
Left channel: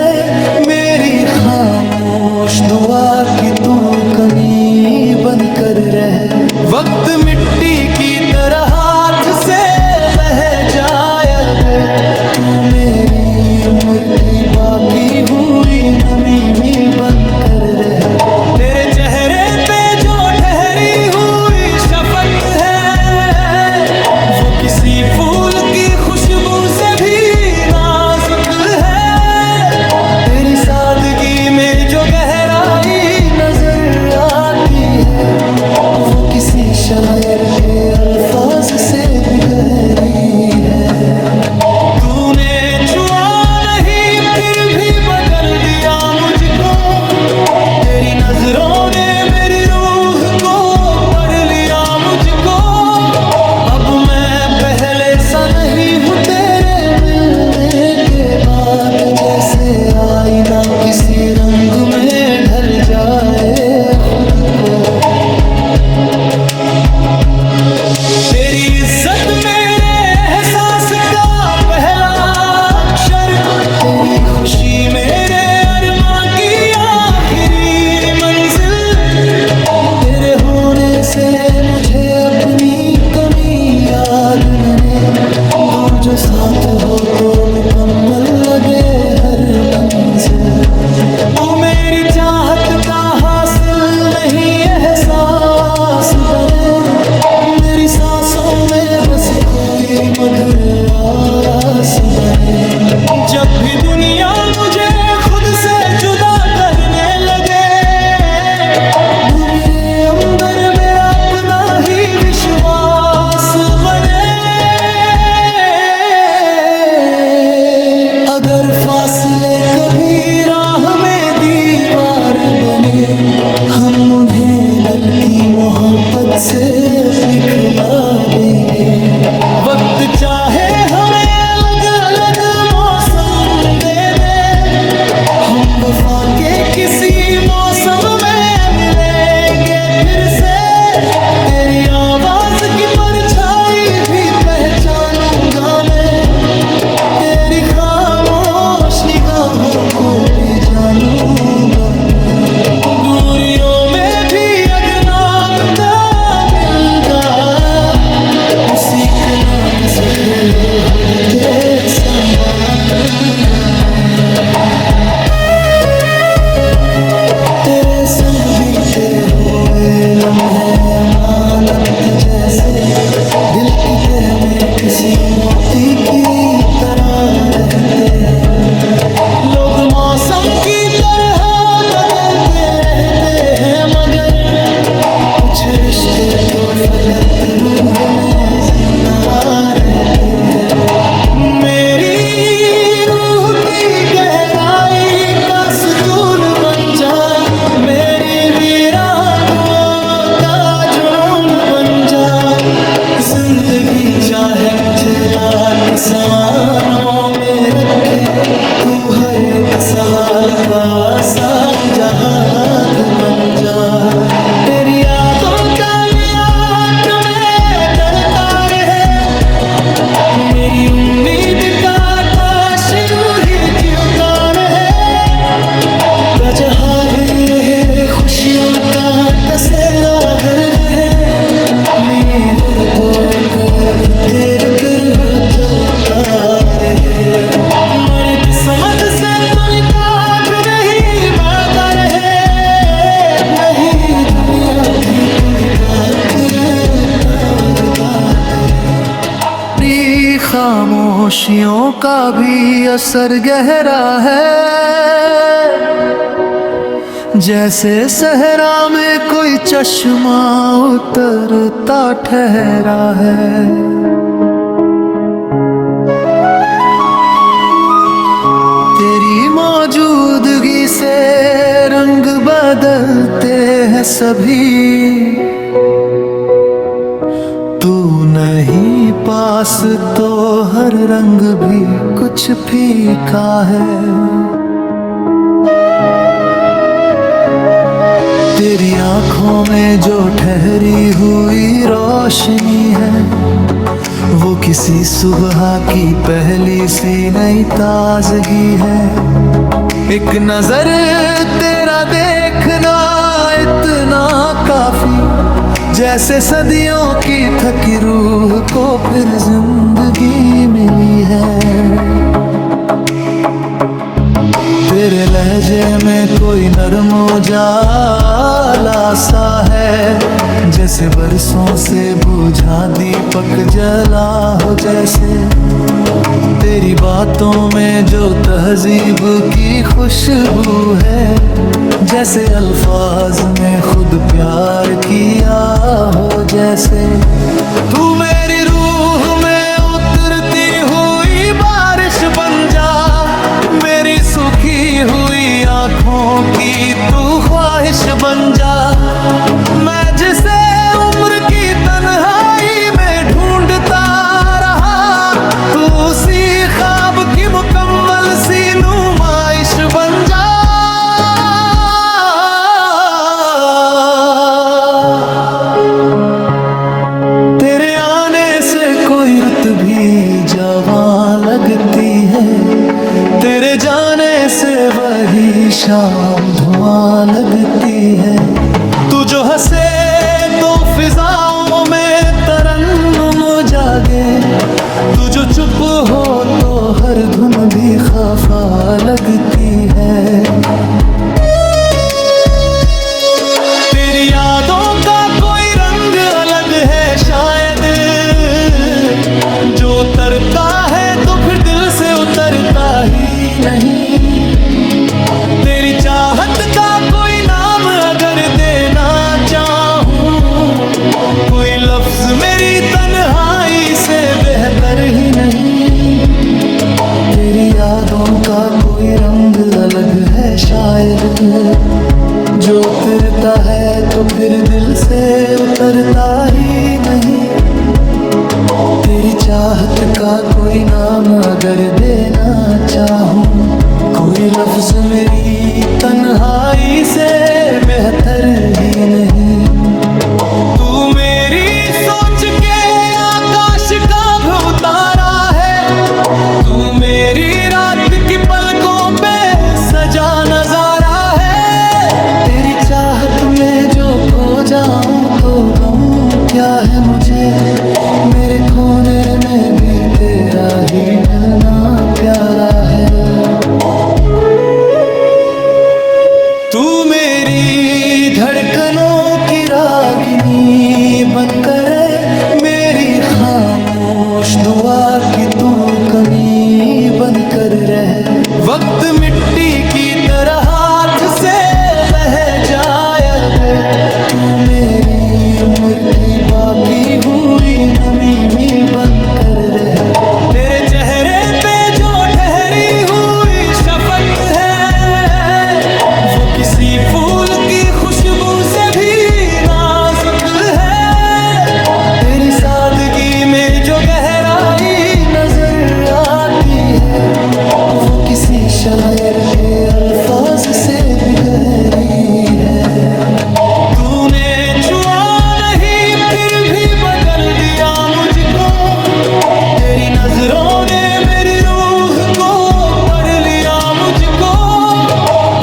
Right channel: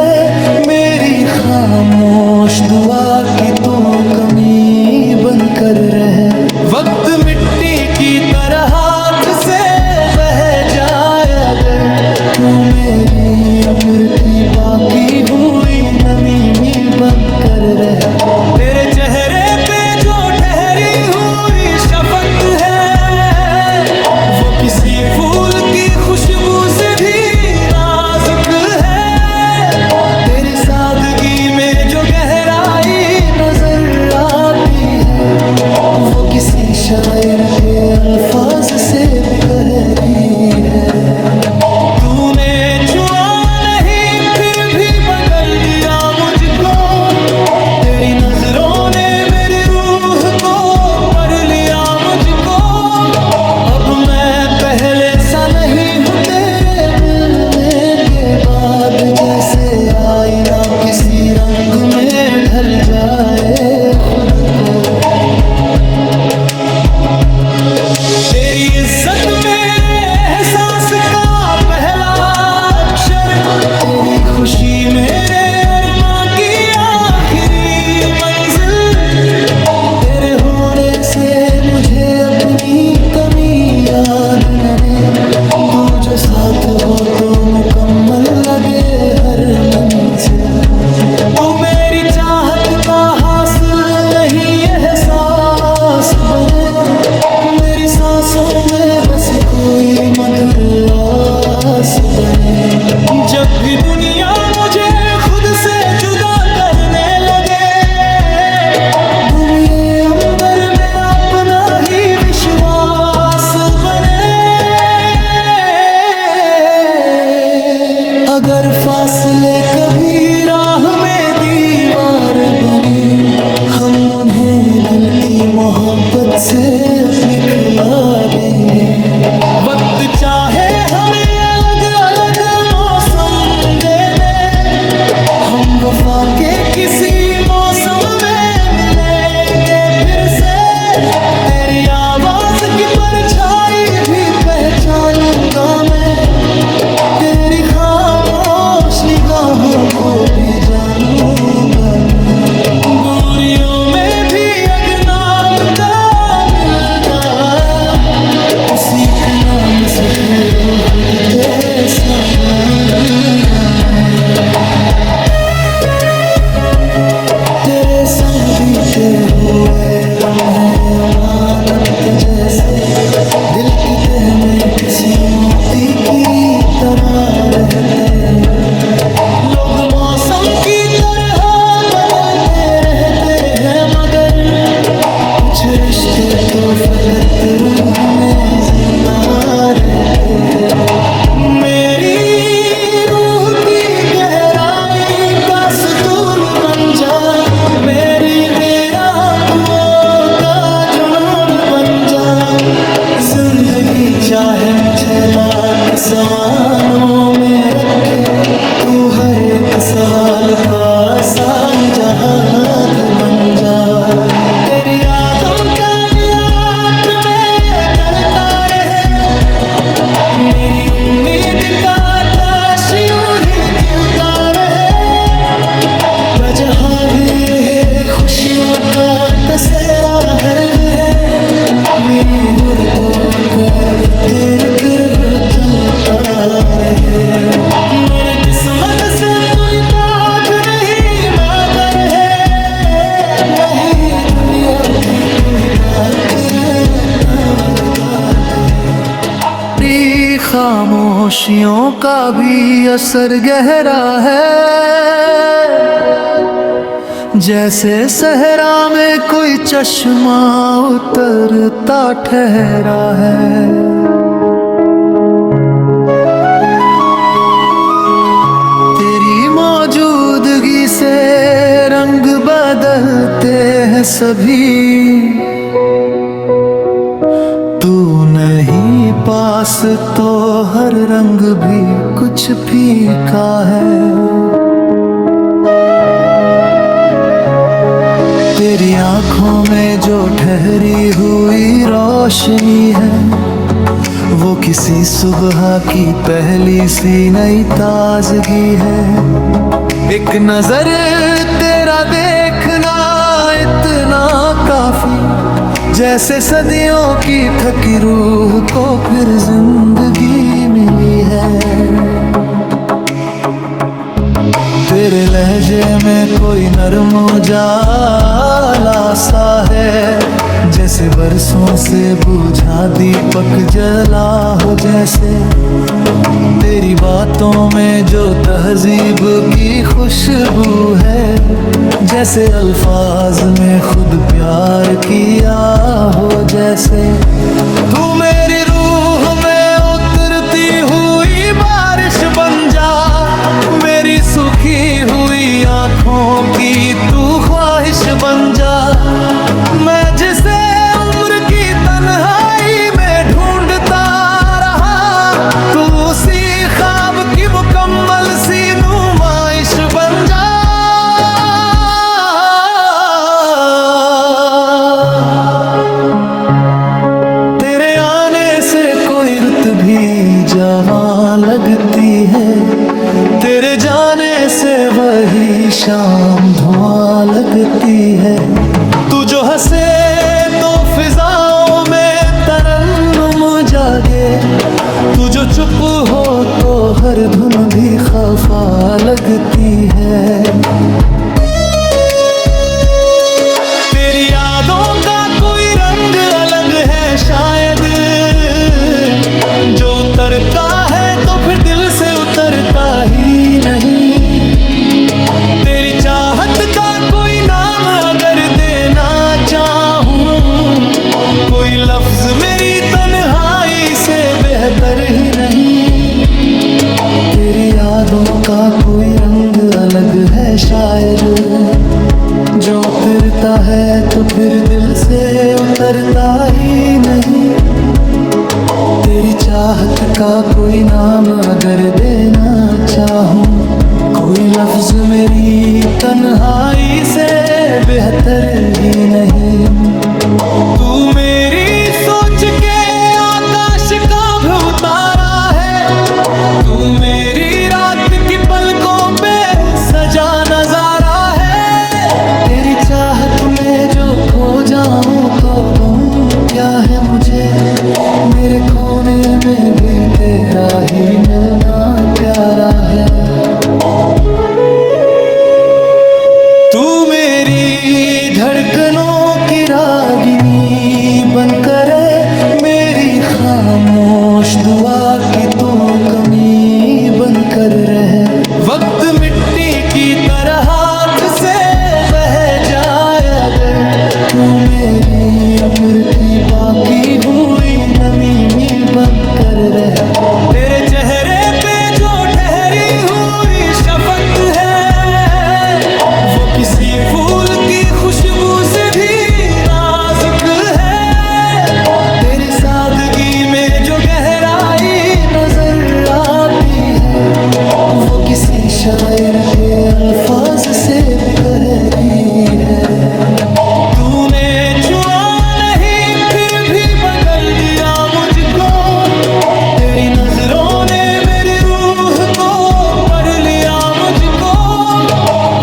मेरी खामोश दुआ की तू कमी बनकर रहे। वक्त मिट्टी की तरह हाथ से बह जाए अगर, तू मेरी उम्र की बाकी हुई नमी में बनकर रहे। तेरे चेहरे पे जो ठहरी हुई शफकत है, वो किसी फूल की खुशबू से भी नाजुक है। तेरी सादगी में जो गहराई नजर आती है, वो किसी शायर के अल्फाज से भी गहरी है। तूने छुआ नहीं फिर भी बदल दिया मुझको, तेरी नजरों ने मेरी रूह को पढ़ लिया मुझको। अब मैं पहले सा नहीं हूँ तेरे मिलने के बाद, जैसे आईना किसी रंग में ढल जाए खुद को। तेरी इज्जत मेरे एहसास का पहला अक्षर, तेरी खुशी मेरे अरमां की आखिरी मंजिल। तेरे होने से मुझे अपनी कमी याद न रहे, तू जो साथ हो तो मुकम्मल लगे हर मंजिल। तू मेरी चाहत का हासिल नहीं एहसास बने, मेरी सांसों में बस कोई मधुर आस बने। जब भी दुनिया मुझे खुद से जुदा करने लगे, तू मेरे अंदर मेरा अपना ही विश्वास बने। अगर फासले कभी राह में दीवार बने, हम उन्हें दिल की मोहब्बत से अपनी खिला देंगे। वक्त चाहे हमें अलग अलग मौसम दे दे, हम वफा के किसी मौसम में मिलेंगे फिर से। तेरी आवाज की परछाई भी पहचानूंगा मैं, तेरी खामोश निगाहों को भी जानूंगा मैं। दूरियों में भी अगर नाम दा मिलदा, उसी के नाम से फिर खुद ते संभालूंगा मैं। तेरे संग बीते हुए लम्हे अमानत जैसे, दिल की तह में किसी मोती की तरह रहते हैं। लोग मौसम की तरह बदलते रहते हैं, मगर कुछ रिश्ते तो फकत रूह में जिंदा रहते हैं। मेरी रूह की गहराई का सुकून बन जा, मेरी वीरान दुआओं का जुनून बन जा। जिंदगी चाहे मुझे लाख सवालों में रखे, तू हर एक सवाल का आसान जवाब बन जा। तेरी यादों का नियात में चलता रहे, मेरी उम्मीद का आकाश यूं ही चिलता रहे। जहाँ भी है खुशियों का तसेरा हर्द है, मेरे गुर को कर तेरे कर चलता रहे। मर किस्मत से तू निकात नहीं माता रहे, नहीं दुनिया की तू क्या करे तेरी खामोशियों का भी असर गहरा है, जैसे सहरा में कोई चश्मा उतरता ठहरा है। तेरी मौजूदगी से रंग बदलते हैं सभी, तू नहीं पास तो हर रंग भी कुछ फीका है। तेरी आंखों में जो ठहरी हुई रोशनी है, वो किसी सुबह की पहली सी नई ताजगी है। एक नजर तेरा देखना इतना काफी, जैसे सदियों की थकी रूह को फिर जिंदगी मिली है। तेरे लहजे में कोई नरम उजाला सा है, जैसे बरसों से बुझा दीपक जला हो जैसे। तेरी बातों में जो तहजीब की खुशबू है, जैसे अल्फाज में खुद प्यार किया हो जैसे। तू मेरी रूह में उतरती हुई बारिश बन जा, मेरी सुखी हुई आंखों की तू ख्वाहिश बन जा। मैं जिसे उम्र की तन्हाई में ढूंढता रहा, तू उसी ख्वाब की मुकम्मल सी नुमाइश बन जा। तेरे आने से कोई रुत भी जवां लगती है, तेरे जाने से वही शाम धुआं लगती है। तू जो हंसे तो फिजाओं में तरन्नुम जागे, तू जो चुप हो तो हर धुन भी खफा लगती है। तेरी यादों का कोई रंग अलग है शायद, जो उतरता है तो फिर दिल से उतरता ही नहीं। तेरी चाहत का कोई नाम अगर देना चाहूं, कोई लफ्ज मेरी तन्हाई से बेहतर ही नहीं। तेरी यादों का कोई रंग अलग है शायद, जो उतरता है तो फिर दिल से उतरता ही नहीं। तेरी चाहत का कोई नाम अगर देना चाहूं, कोई लफ्ज मेरी तन्हाई से बेहतर ही नहीं। तू मेरी सोच के आकाश का भी उतारा है, तू मेरी रात की पलकों पे सजा नजारा है। तेरी चाहत में जो खो जाऊं तो गम क्या है मुझे, मेरे खोने में भी तेरा ही मिलना प्यारा है। तू मेरी धड़कनों की रागिनी बनकर मेरी खामोश दुआ की तू कमी बनकर रहे। वक्त मिट्टी की तरह हाथ से बह जाए अगर, तू मेरी उम्र की बाकी हुई नमी में बनकर रहे। तेरे चेहरे पे जो ठहरी हुई शफकत है, वो किसी फूल की खुशबू से भी नाजुक है। तेरी सादगी में जो गहराई नजर आती है, वो किसी शायर के अल्फाज से भी गहरी है। तूने छुआ नहीं फिर भी बदल दिया मुझको, तेरी नजरों ने मेरी रूह को पढ़ लिया मुझको।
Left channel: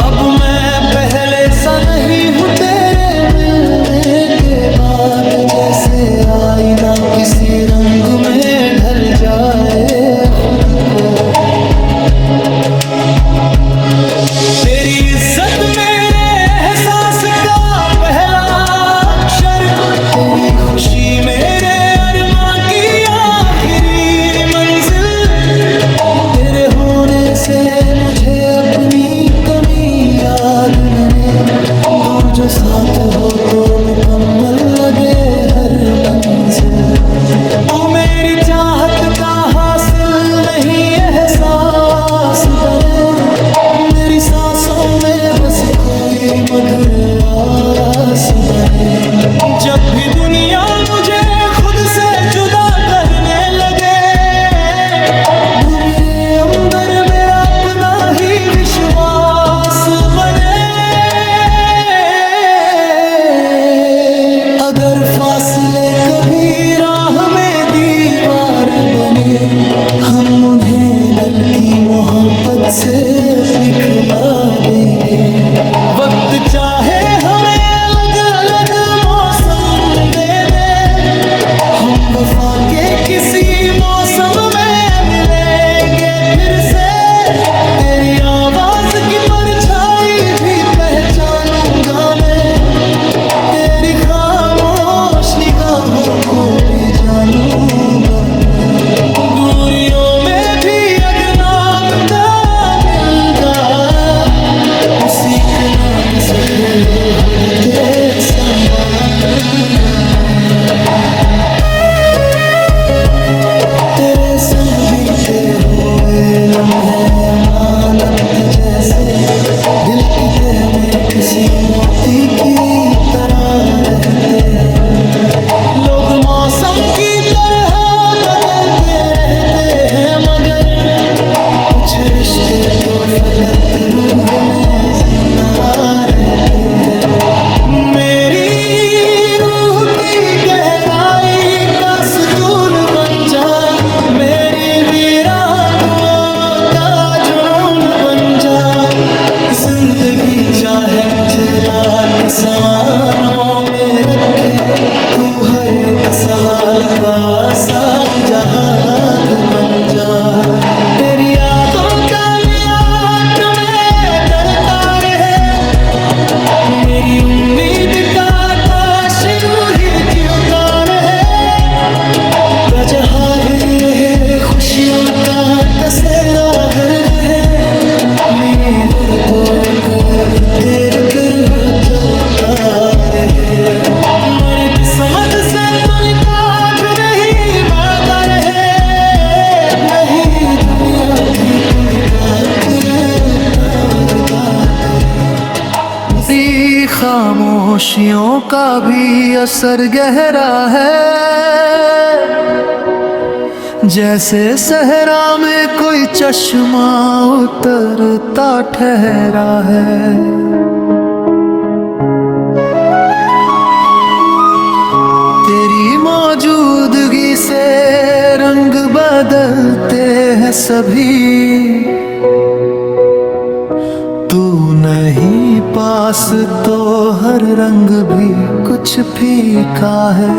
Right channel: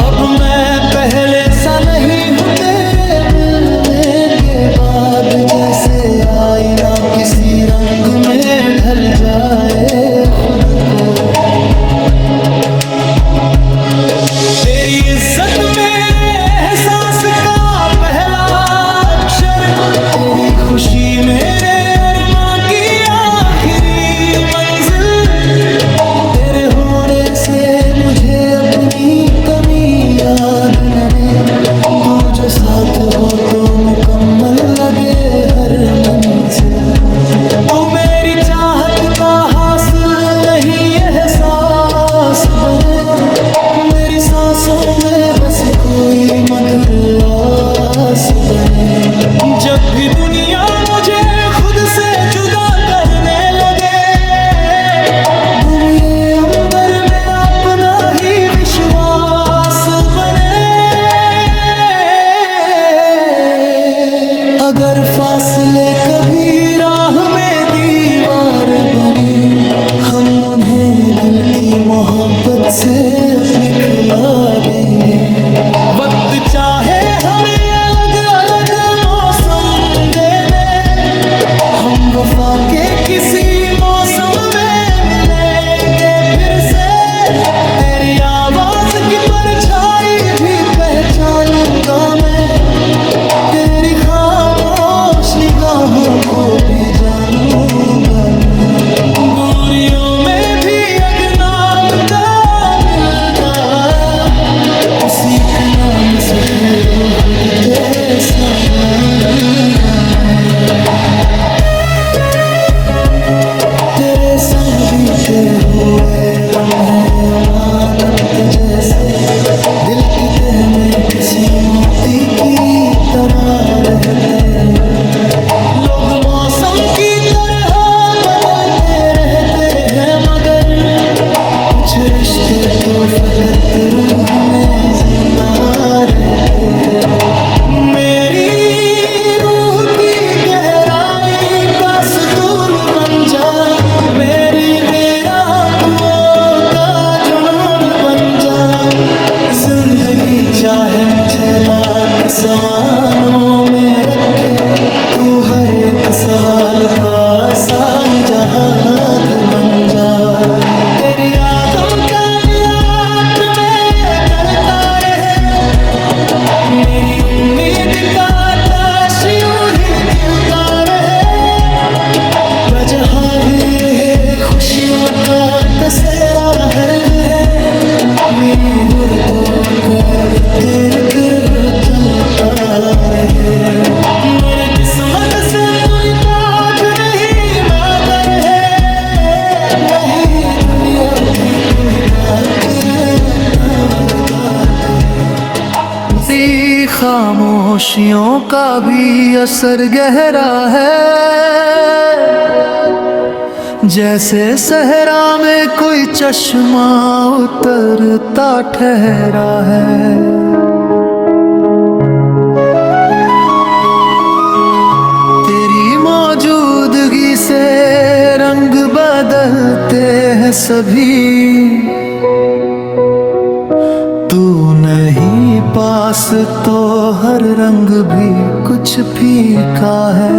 अब मैं पहले सा नहीं हूँ तेरे मिलने के बाद, जैसे आईना किसी रंग में ढल जाए खुद को। तेरी इज्जत मेरे एहसास का पहला अक्षर, तेरी खुशी मेरे अरमां की आखिरी मंजिल। तेरे होने से मुझे अपनी कमी याद न रहे, तू जो साथ हो तो मुकम्मल लगे हर मंजिल। तू मेरी चाहत का हासिल नहीं एहसास बने, मेरी सांसों में बस कोई मधुर आस बने। जब भी दुनिया मुझे खुद से जुदा करने लगे, तू मेरे अंदर मेरा अपना ही विश्वास बने। अगर फासले कभी राह में दीवार बने, हम उन्हें दिल की मोहब्बत से अपनी खिला देंगे। वक्त चाहे हमें अलग अलग मौसम दे दे, हम वफा के किसी मौसम में मिलेंगे फिर से। तेरी आवाज की परछाई भी पहचानूंगा मैं, तेरी खामोश निगाहों को भी जानूंगा मैं। दूरियों में भी अगर नाम दा मिल जाए, उसी के नाम से फिर खुद के संभालूंगा मैं। तेरे संग बीते हुए लम्हे अमानत जैसे, दिल की तह में किसी मोती की तरह रहते हैं। लोग मौसम की तरह बदलते रहते हैं, मगर कुछ रिश्ते तो फकत रूह में जिंदा रहते हैं। मेरी रूह की गहराई का सुतून बन जा, मेरी वीरान दुआओं का जुनून बन जा। जिंदगी चाहे मुझे लाख सवालों में रखे, तू हर एक सवाल का आसान जवाब बन जा। तेरी यादों का मियाद में चलता रहे, मेरी उम्मीद का आकाश यूं ही जलता रहे। गजहाली है खुशियों का कसेरा हर्द है, मेरे गुर को कर तेरे कर चलता रहे। मेरी किस्मत से तू निकात नहीं माता रहे, नहीं दुनिया की तू करे उसी खामोशियों का भी असर गहरा है, जैसे सहरा में कोई चश्मा उतरता ठहरा है। तेरी मौजूदगी से रंग बदलते हैं सभी, तू नहीं पास तो हर रंग भी कुछ फीका है।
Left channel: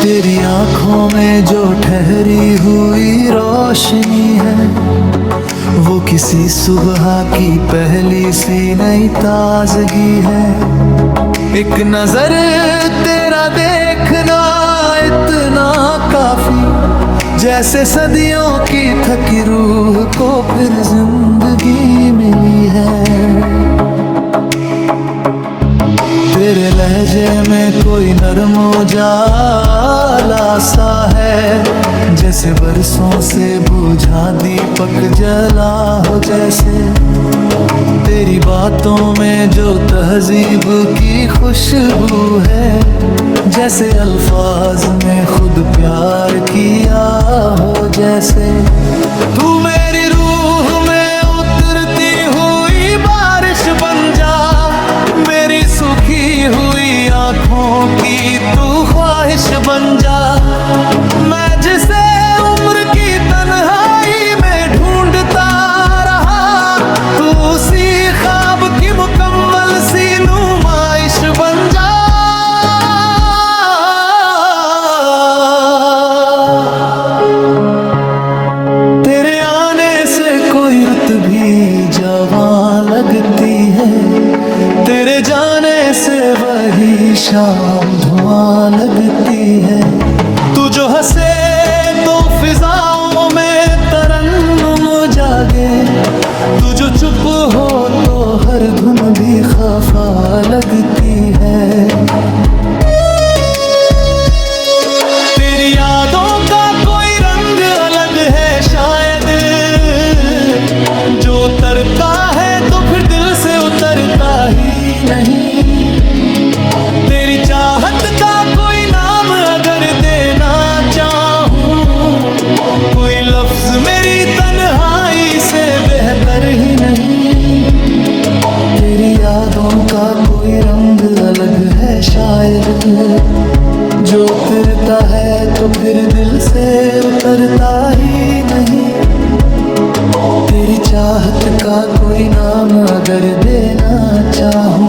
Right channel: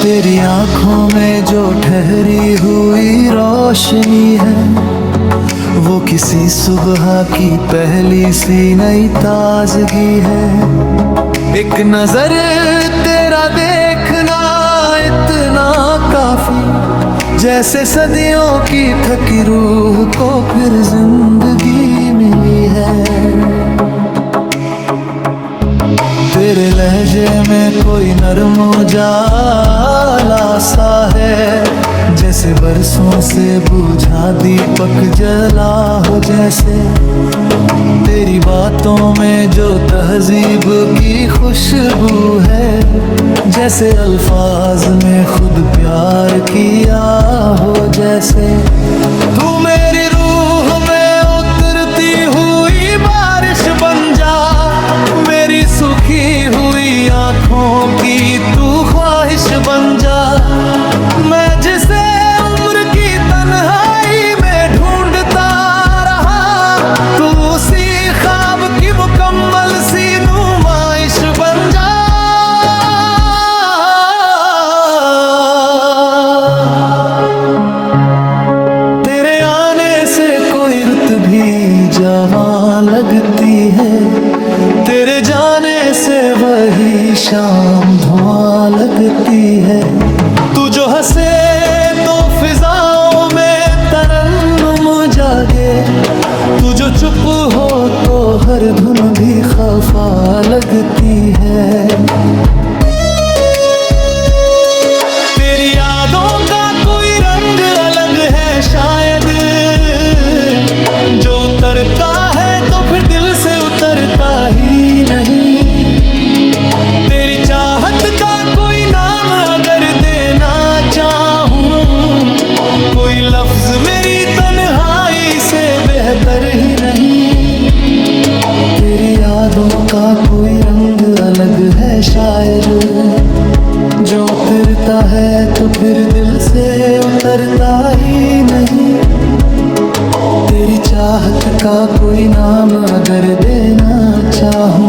तेरी आंखों में जो ठहरी हुई रोशनी है, वो किसी सुबह की पहली सी नई ताजगी है। एक नजर तेरा देखना इतना काफी, जैसे सदियों की थकी रूह को फिर जिंदगी मिली है। तेरे लहजे में कोई नरम उजाला सा है, जैसे बरसों से बुझा दीपक जला हो जैसे। तेरी बातों में जो तहजीब की खुशबू है, जैसे अल्फाज में खुद प्यार किया हो जैसे। तू मेरी रूह में उतरती हुई बारिश बन जा, मेरी सूखी हुई आंखों की तू ख्वाहिश बन जा। मैं जिसे उम्र की तन्हाई में ढूंढता रहा, तू उसी ख्वाब की मुकम्मल सी नुमाइश बन जा। तेरे आने से कोई रुत भी जवां लगती है, तेरे जाने से वही शाम धुआं लगती है। तू जो हंसे तो फिजाओं में तरन्नुम जागे, तू जो चुप हो तो हर धुन भी खफा लगती है। तेरी यादों का कोई रंग अलग है शायद, जो उतरता है तो फिर दिल से उतरता ही नहीं। तेरी चाहत का कोई नाम अगर देना चाहूं, कोई लफ्ज मेरी तन्हाई से बेहतर ही नहीं। तेरी यादों का कोई रंग अलग है शायद, जो उतरता है तो फिर दिल से उतरता ही नहीं। तेरी चाहत का कोई नाम अगर देना चाहूं,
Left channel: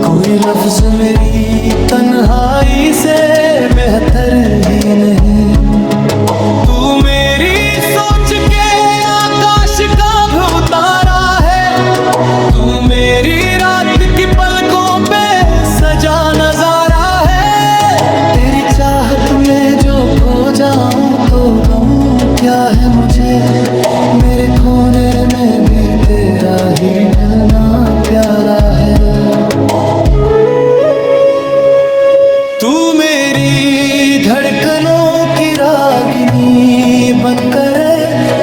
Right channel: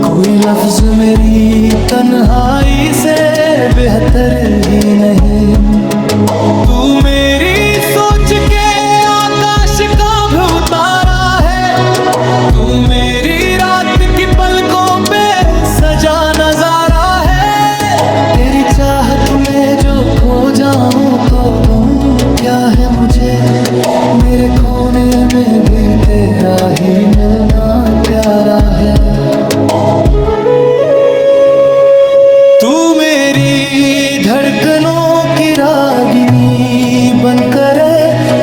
कोई लफ्ज मेरी तन्हाई से बेहतर ही नहीं। तू मेरी सोच के आकाश का भी उतारा है, तू मेरी रात की पलकों पे सजा नजारा है। तेरी चाहत में जो खो जाऊं तो गम क्या है मुझे, मेरे खोने में भी तेरा ही मिलना प्यारा है। तू मेरी धड़कनों की रागिनी बनकर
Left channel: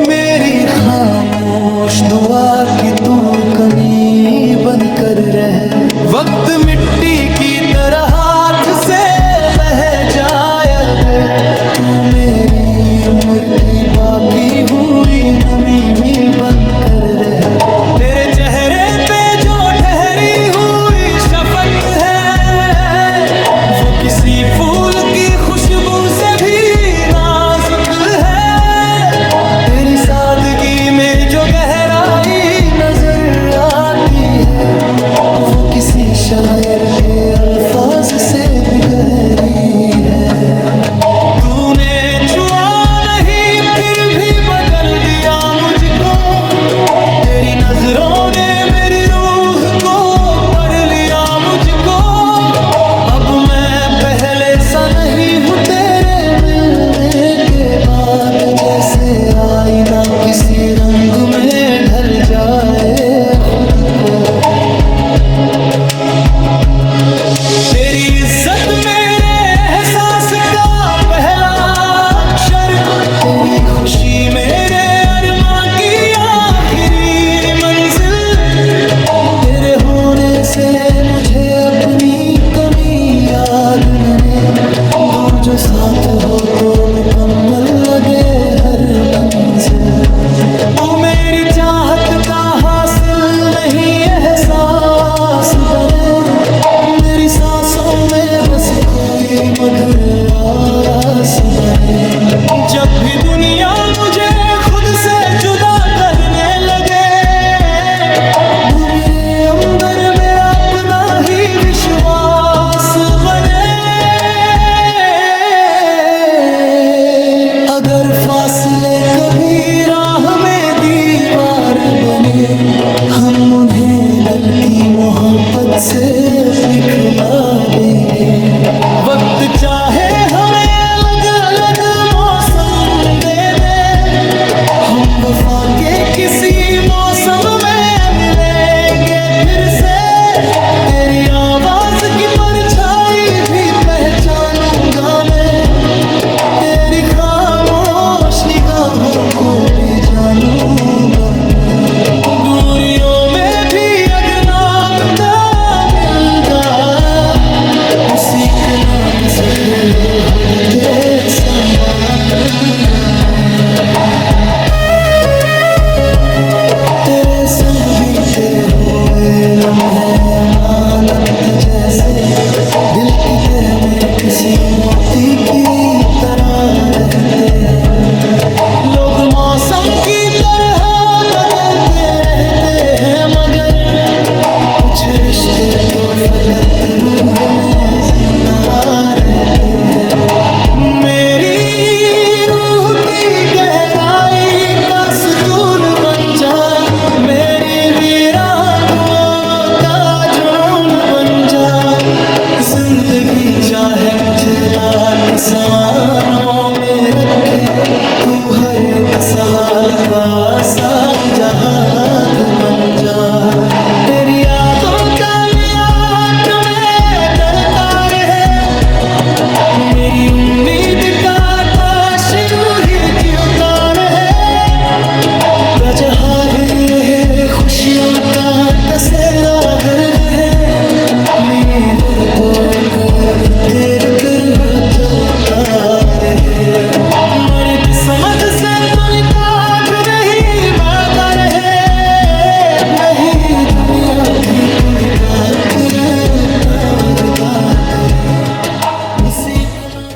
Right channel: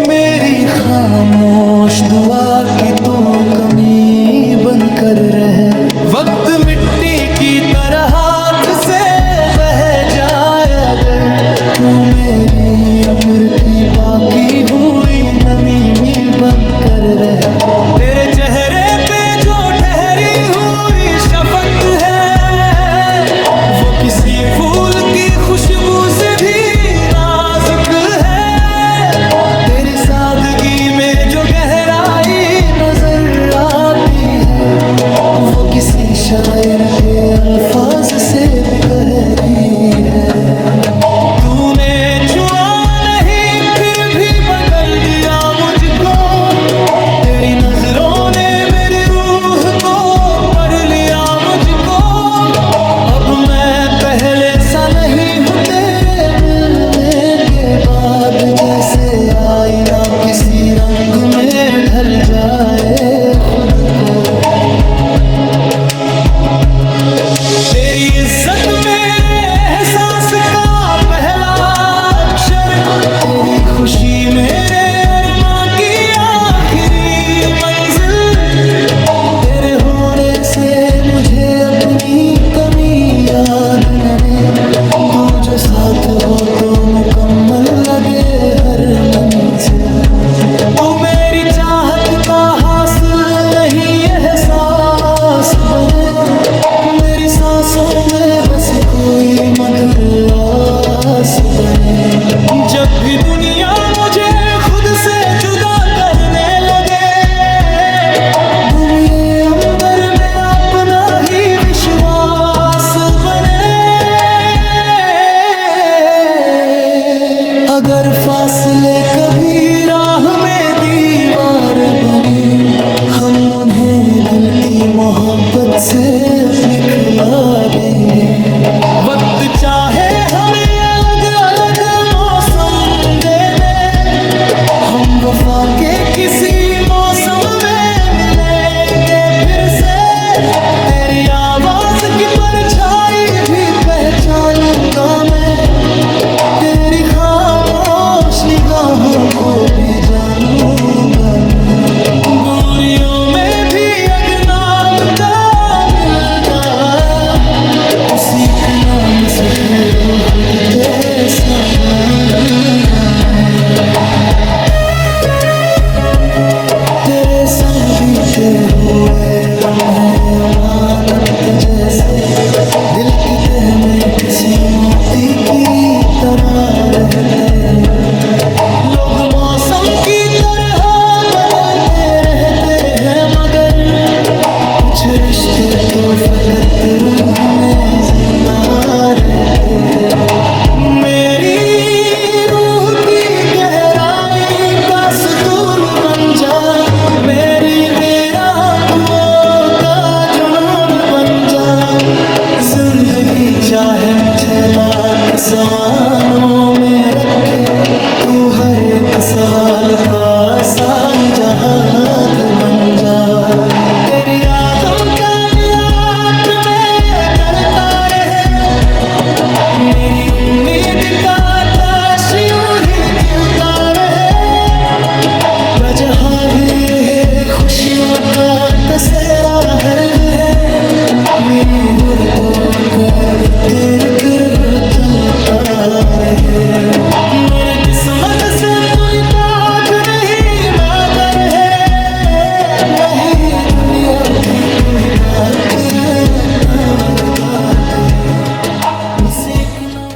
मेरी खामोश दुआ की तू कमी बनकर रहे। वक्त मिट्टी की तरह हाथ से बह जाए अगर, तू मेरी उम्र की बाकी हुई नमी में बनकर रहे। तेरे चेहरे पे जो ठहरी हुई शफकत है, वो किसी फूल की खुशबू से भी नाजुक है। तेरी सादगी में जो गहराई नजर आती है, वो किसी शायर के अल्फाज से भी गहरी है। तूने छुआ नहीं फिर भी बदल दिया मुझको, तेरी नजरों ने मेरी रूह को पढ़ लिया मुझको। अब मैं पहले सा नहीं हूँ तेरे मिलने के बाद, जैसे आईना किसी रंग में ढल जाए खुद को। तेरी इज्जत मेरे एहसास का पहला अक्षर, तेरी खुशी मेरे अरमां की आखिरी मंजिल। तेरे होने से मुझे अपनी कमी याद न रहे, तू जो साथ हो तो मुकम्मल लगे हर मंजिल। तू मेरी चाहत का हासिल नहीं एहसास बने, मेरी सांसों में बस कोई मधुर आस बने। जब भी दुनिया मुझे खुद से जुदा करने लगे, तू मेरे अंदर मेरा अपना ही विश्वास बने। अगर फासले कभी राह में दीवार बने, हम उन्हें दिल की मोहब्बत से अपनी खिला देंगे। वक्त चाहे हमें अलग अलग मौसम दे दे, हम वफा के किसी मौसम में मिलेंगे फिर से। तेरी आवाज की परछाई भी पहचानूंगा मैं, तेरी खामोश निगाहों को भी जानूंगा मैं। दूरियों में भी अगर नाम दा मिलदा, उसी के नाम से फिर खुद के संभालूंगा मैं। तेरे संग बीते हुए लम्हे अमानत जैसे, दिल की तह में किसी मोती की तरह रहते हैं। लोग मौसम की तरह बदलते रहते हैं, मगर कुछ रिश्ते तो फकत रूह में जिंदा रहते हैं। मेरी रूह की गहराई का सुकून बन जा, मेरी वीरान दुआओं का जुनून बन जा। जिंदगी चाहे मुझे लाख सवालों में रखे, तू हर एक सवाल का आसान जवाब बन जा। तेरी यादों का नियात में चलता रहे, मेरी उम्मीद का आकाश यूं ही खिलता रहे। गजहाली है खुशियों का कसेरा हर्द है, मेरे गुर को कर तेरे तरह चलता रहे। मेरी किस्मत से तू निकाल नहीं माता रहे, नहीं दुनिया की तू दात रे तार दात, उसी के नाम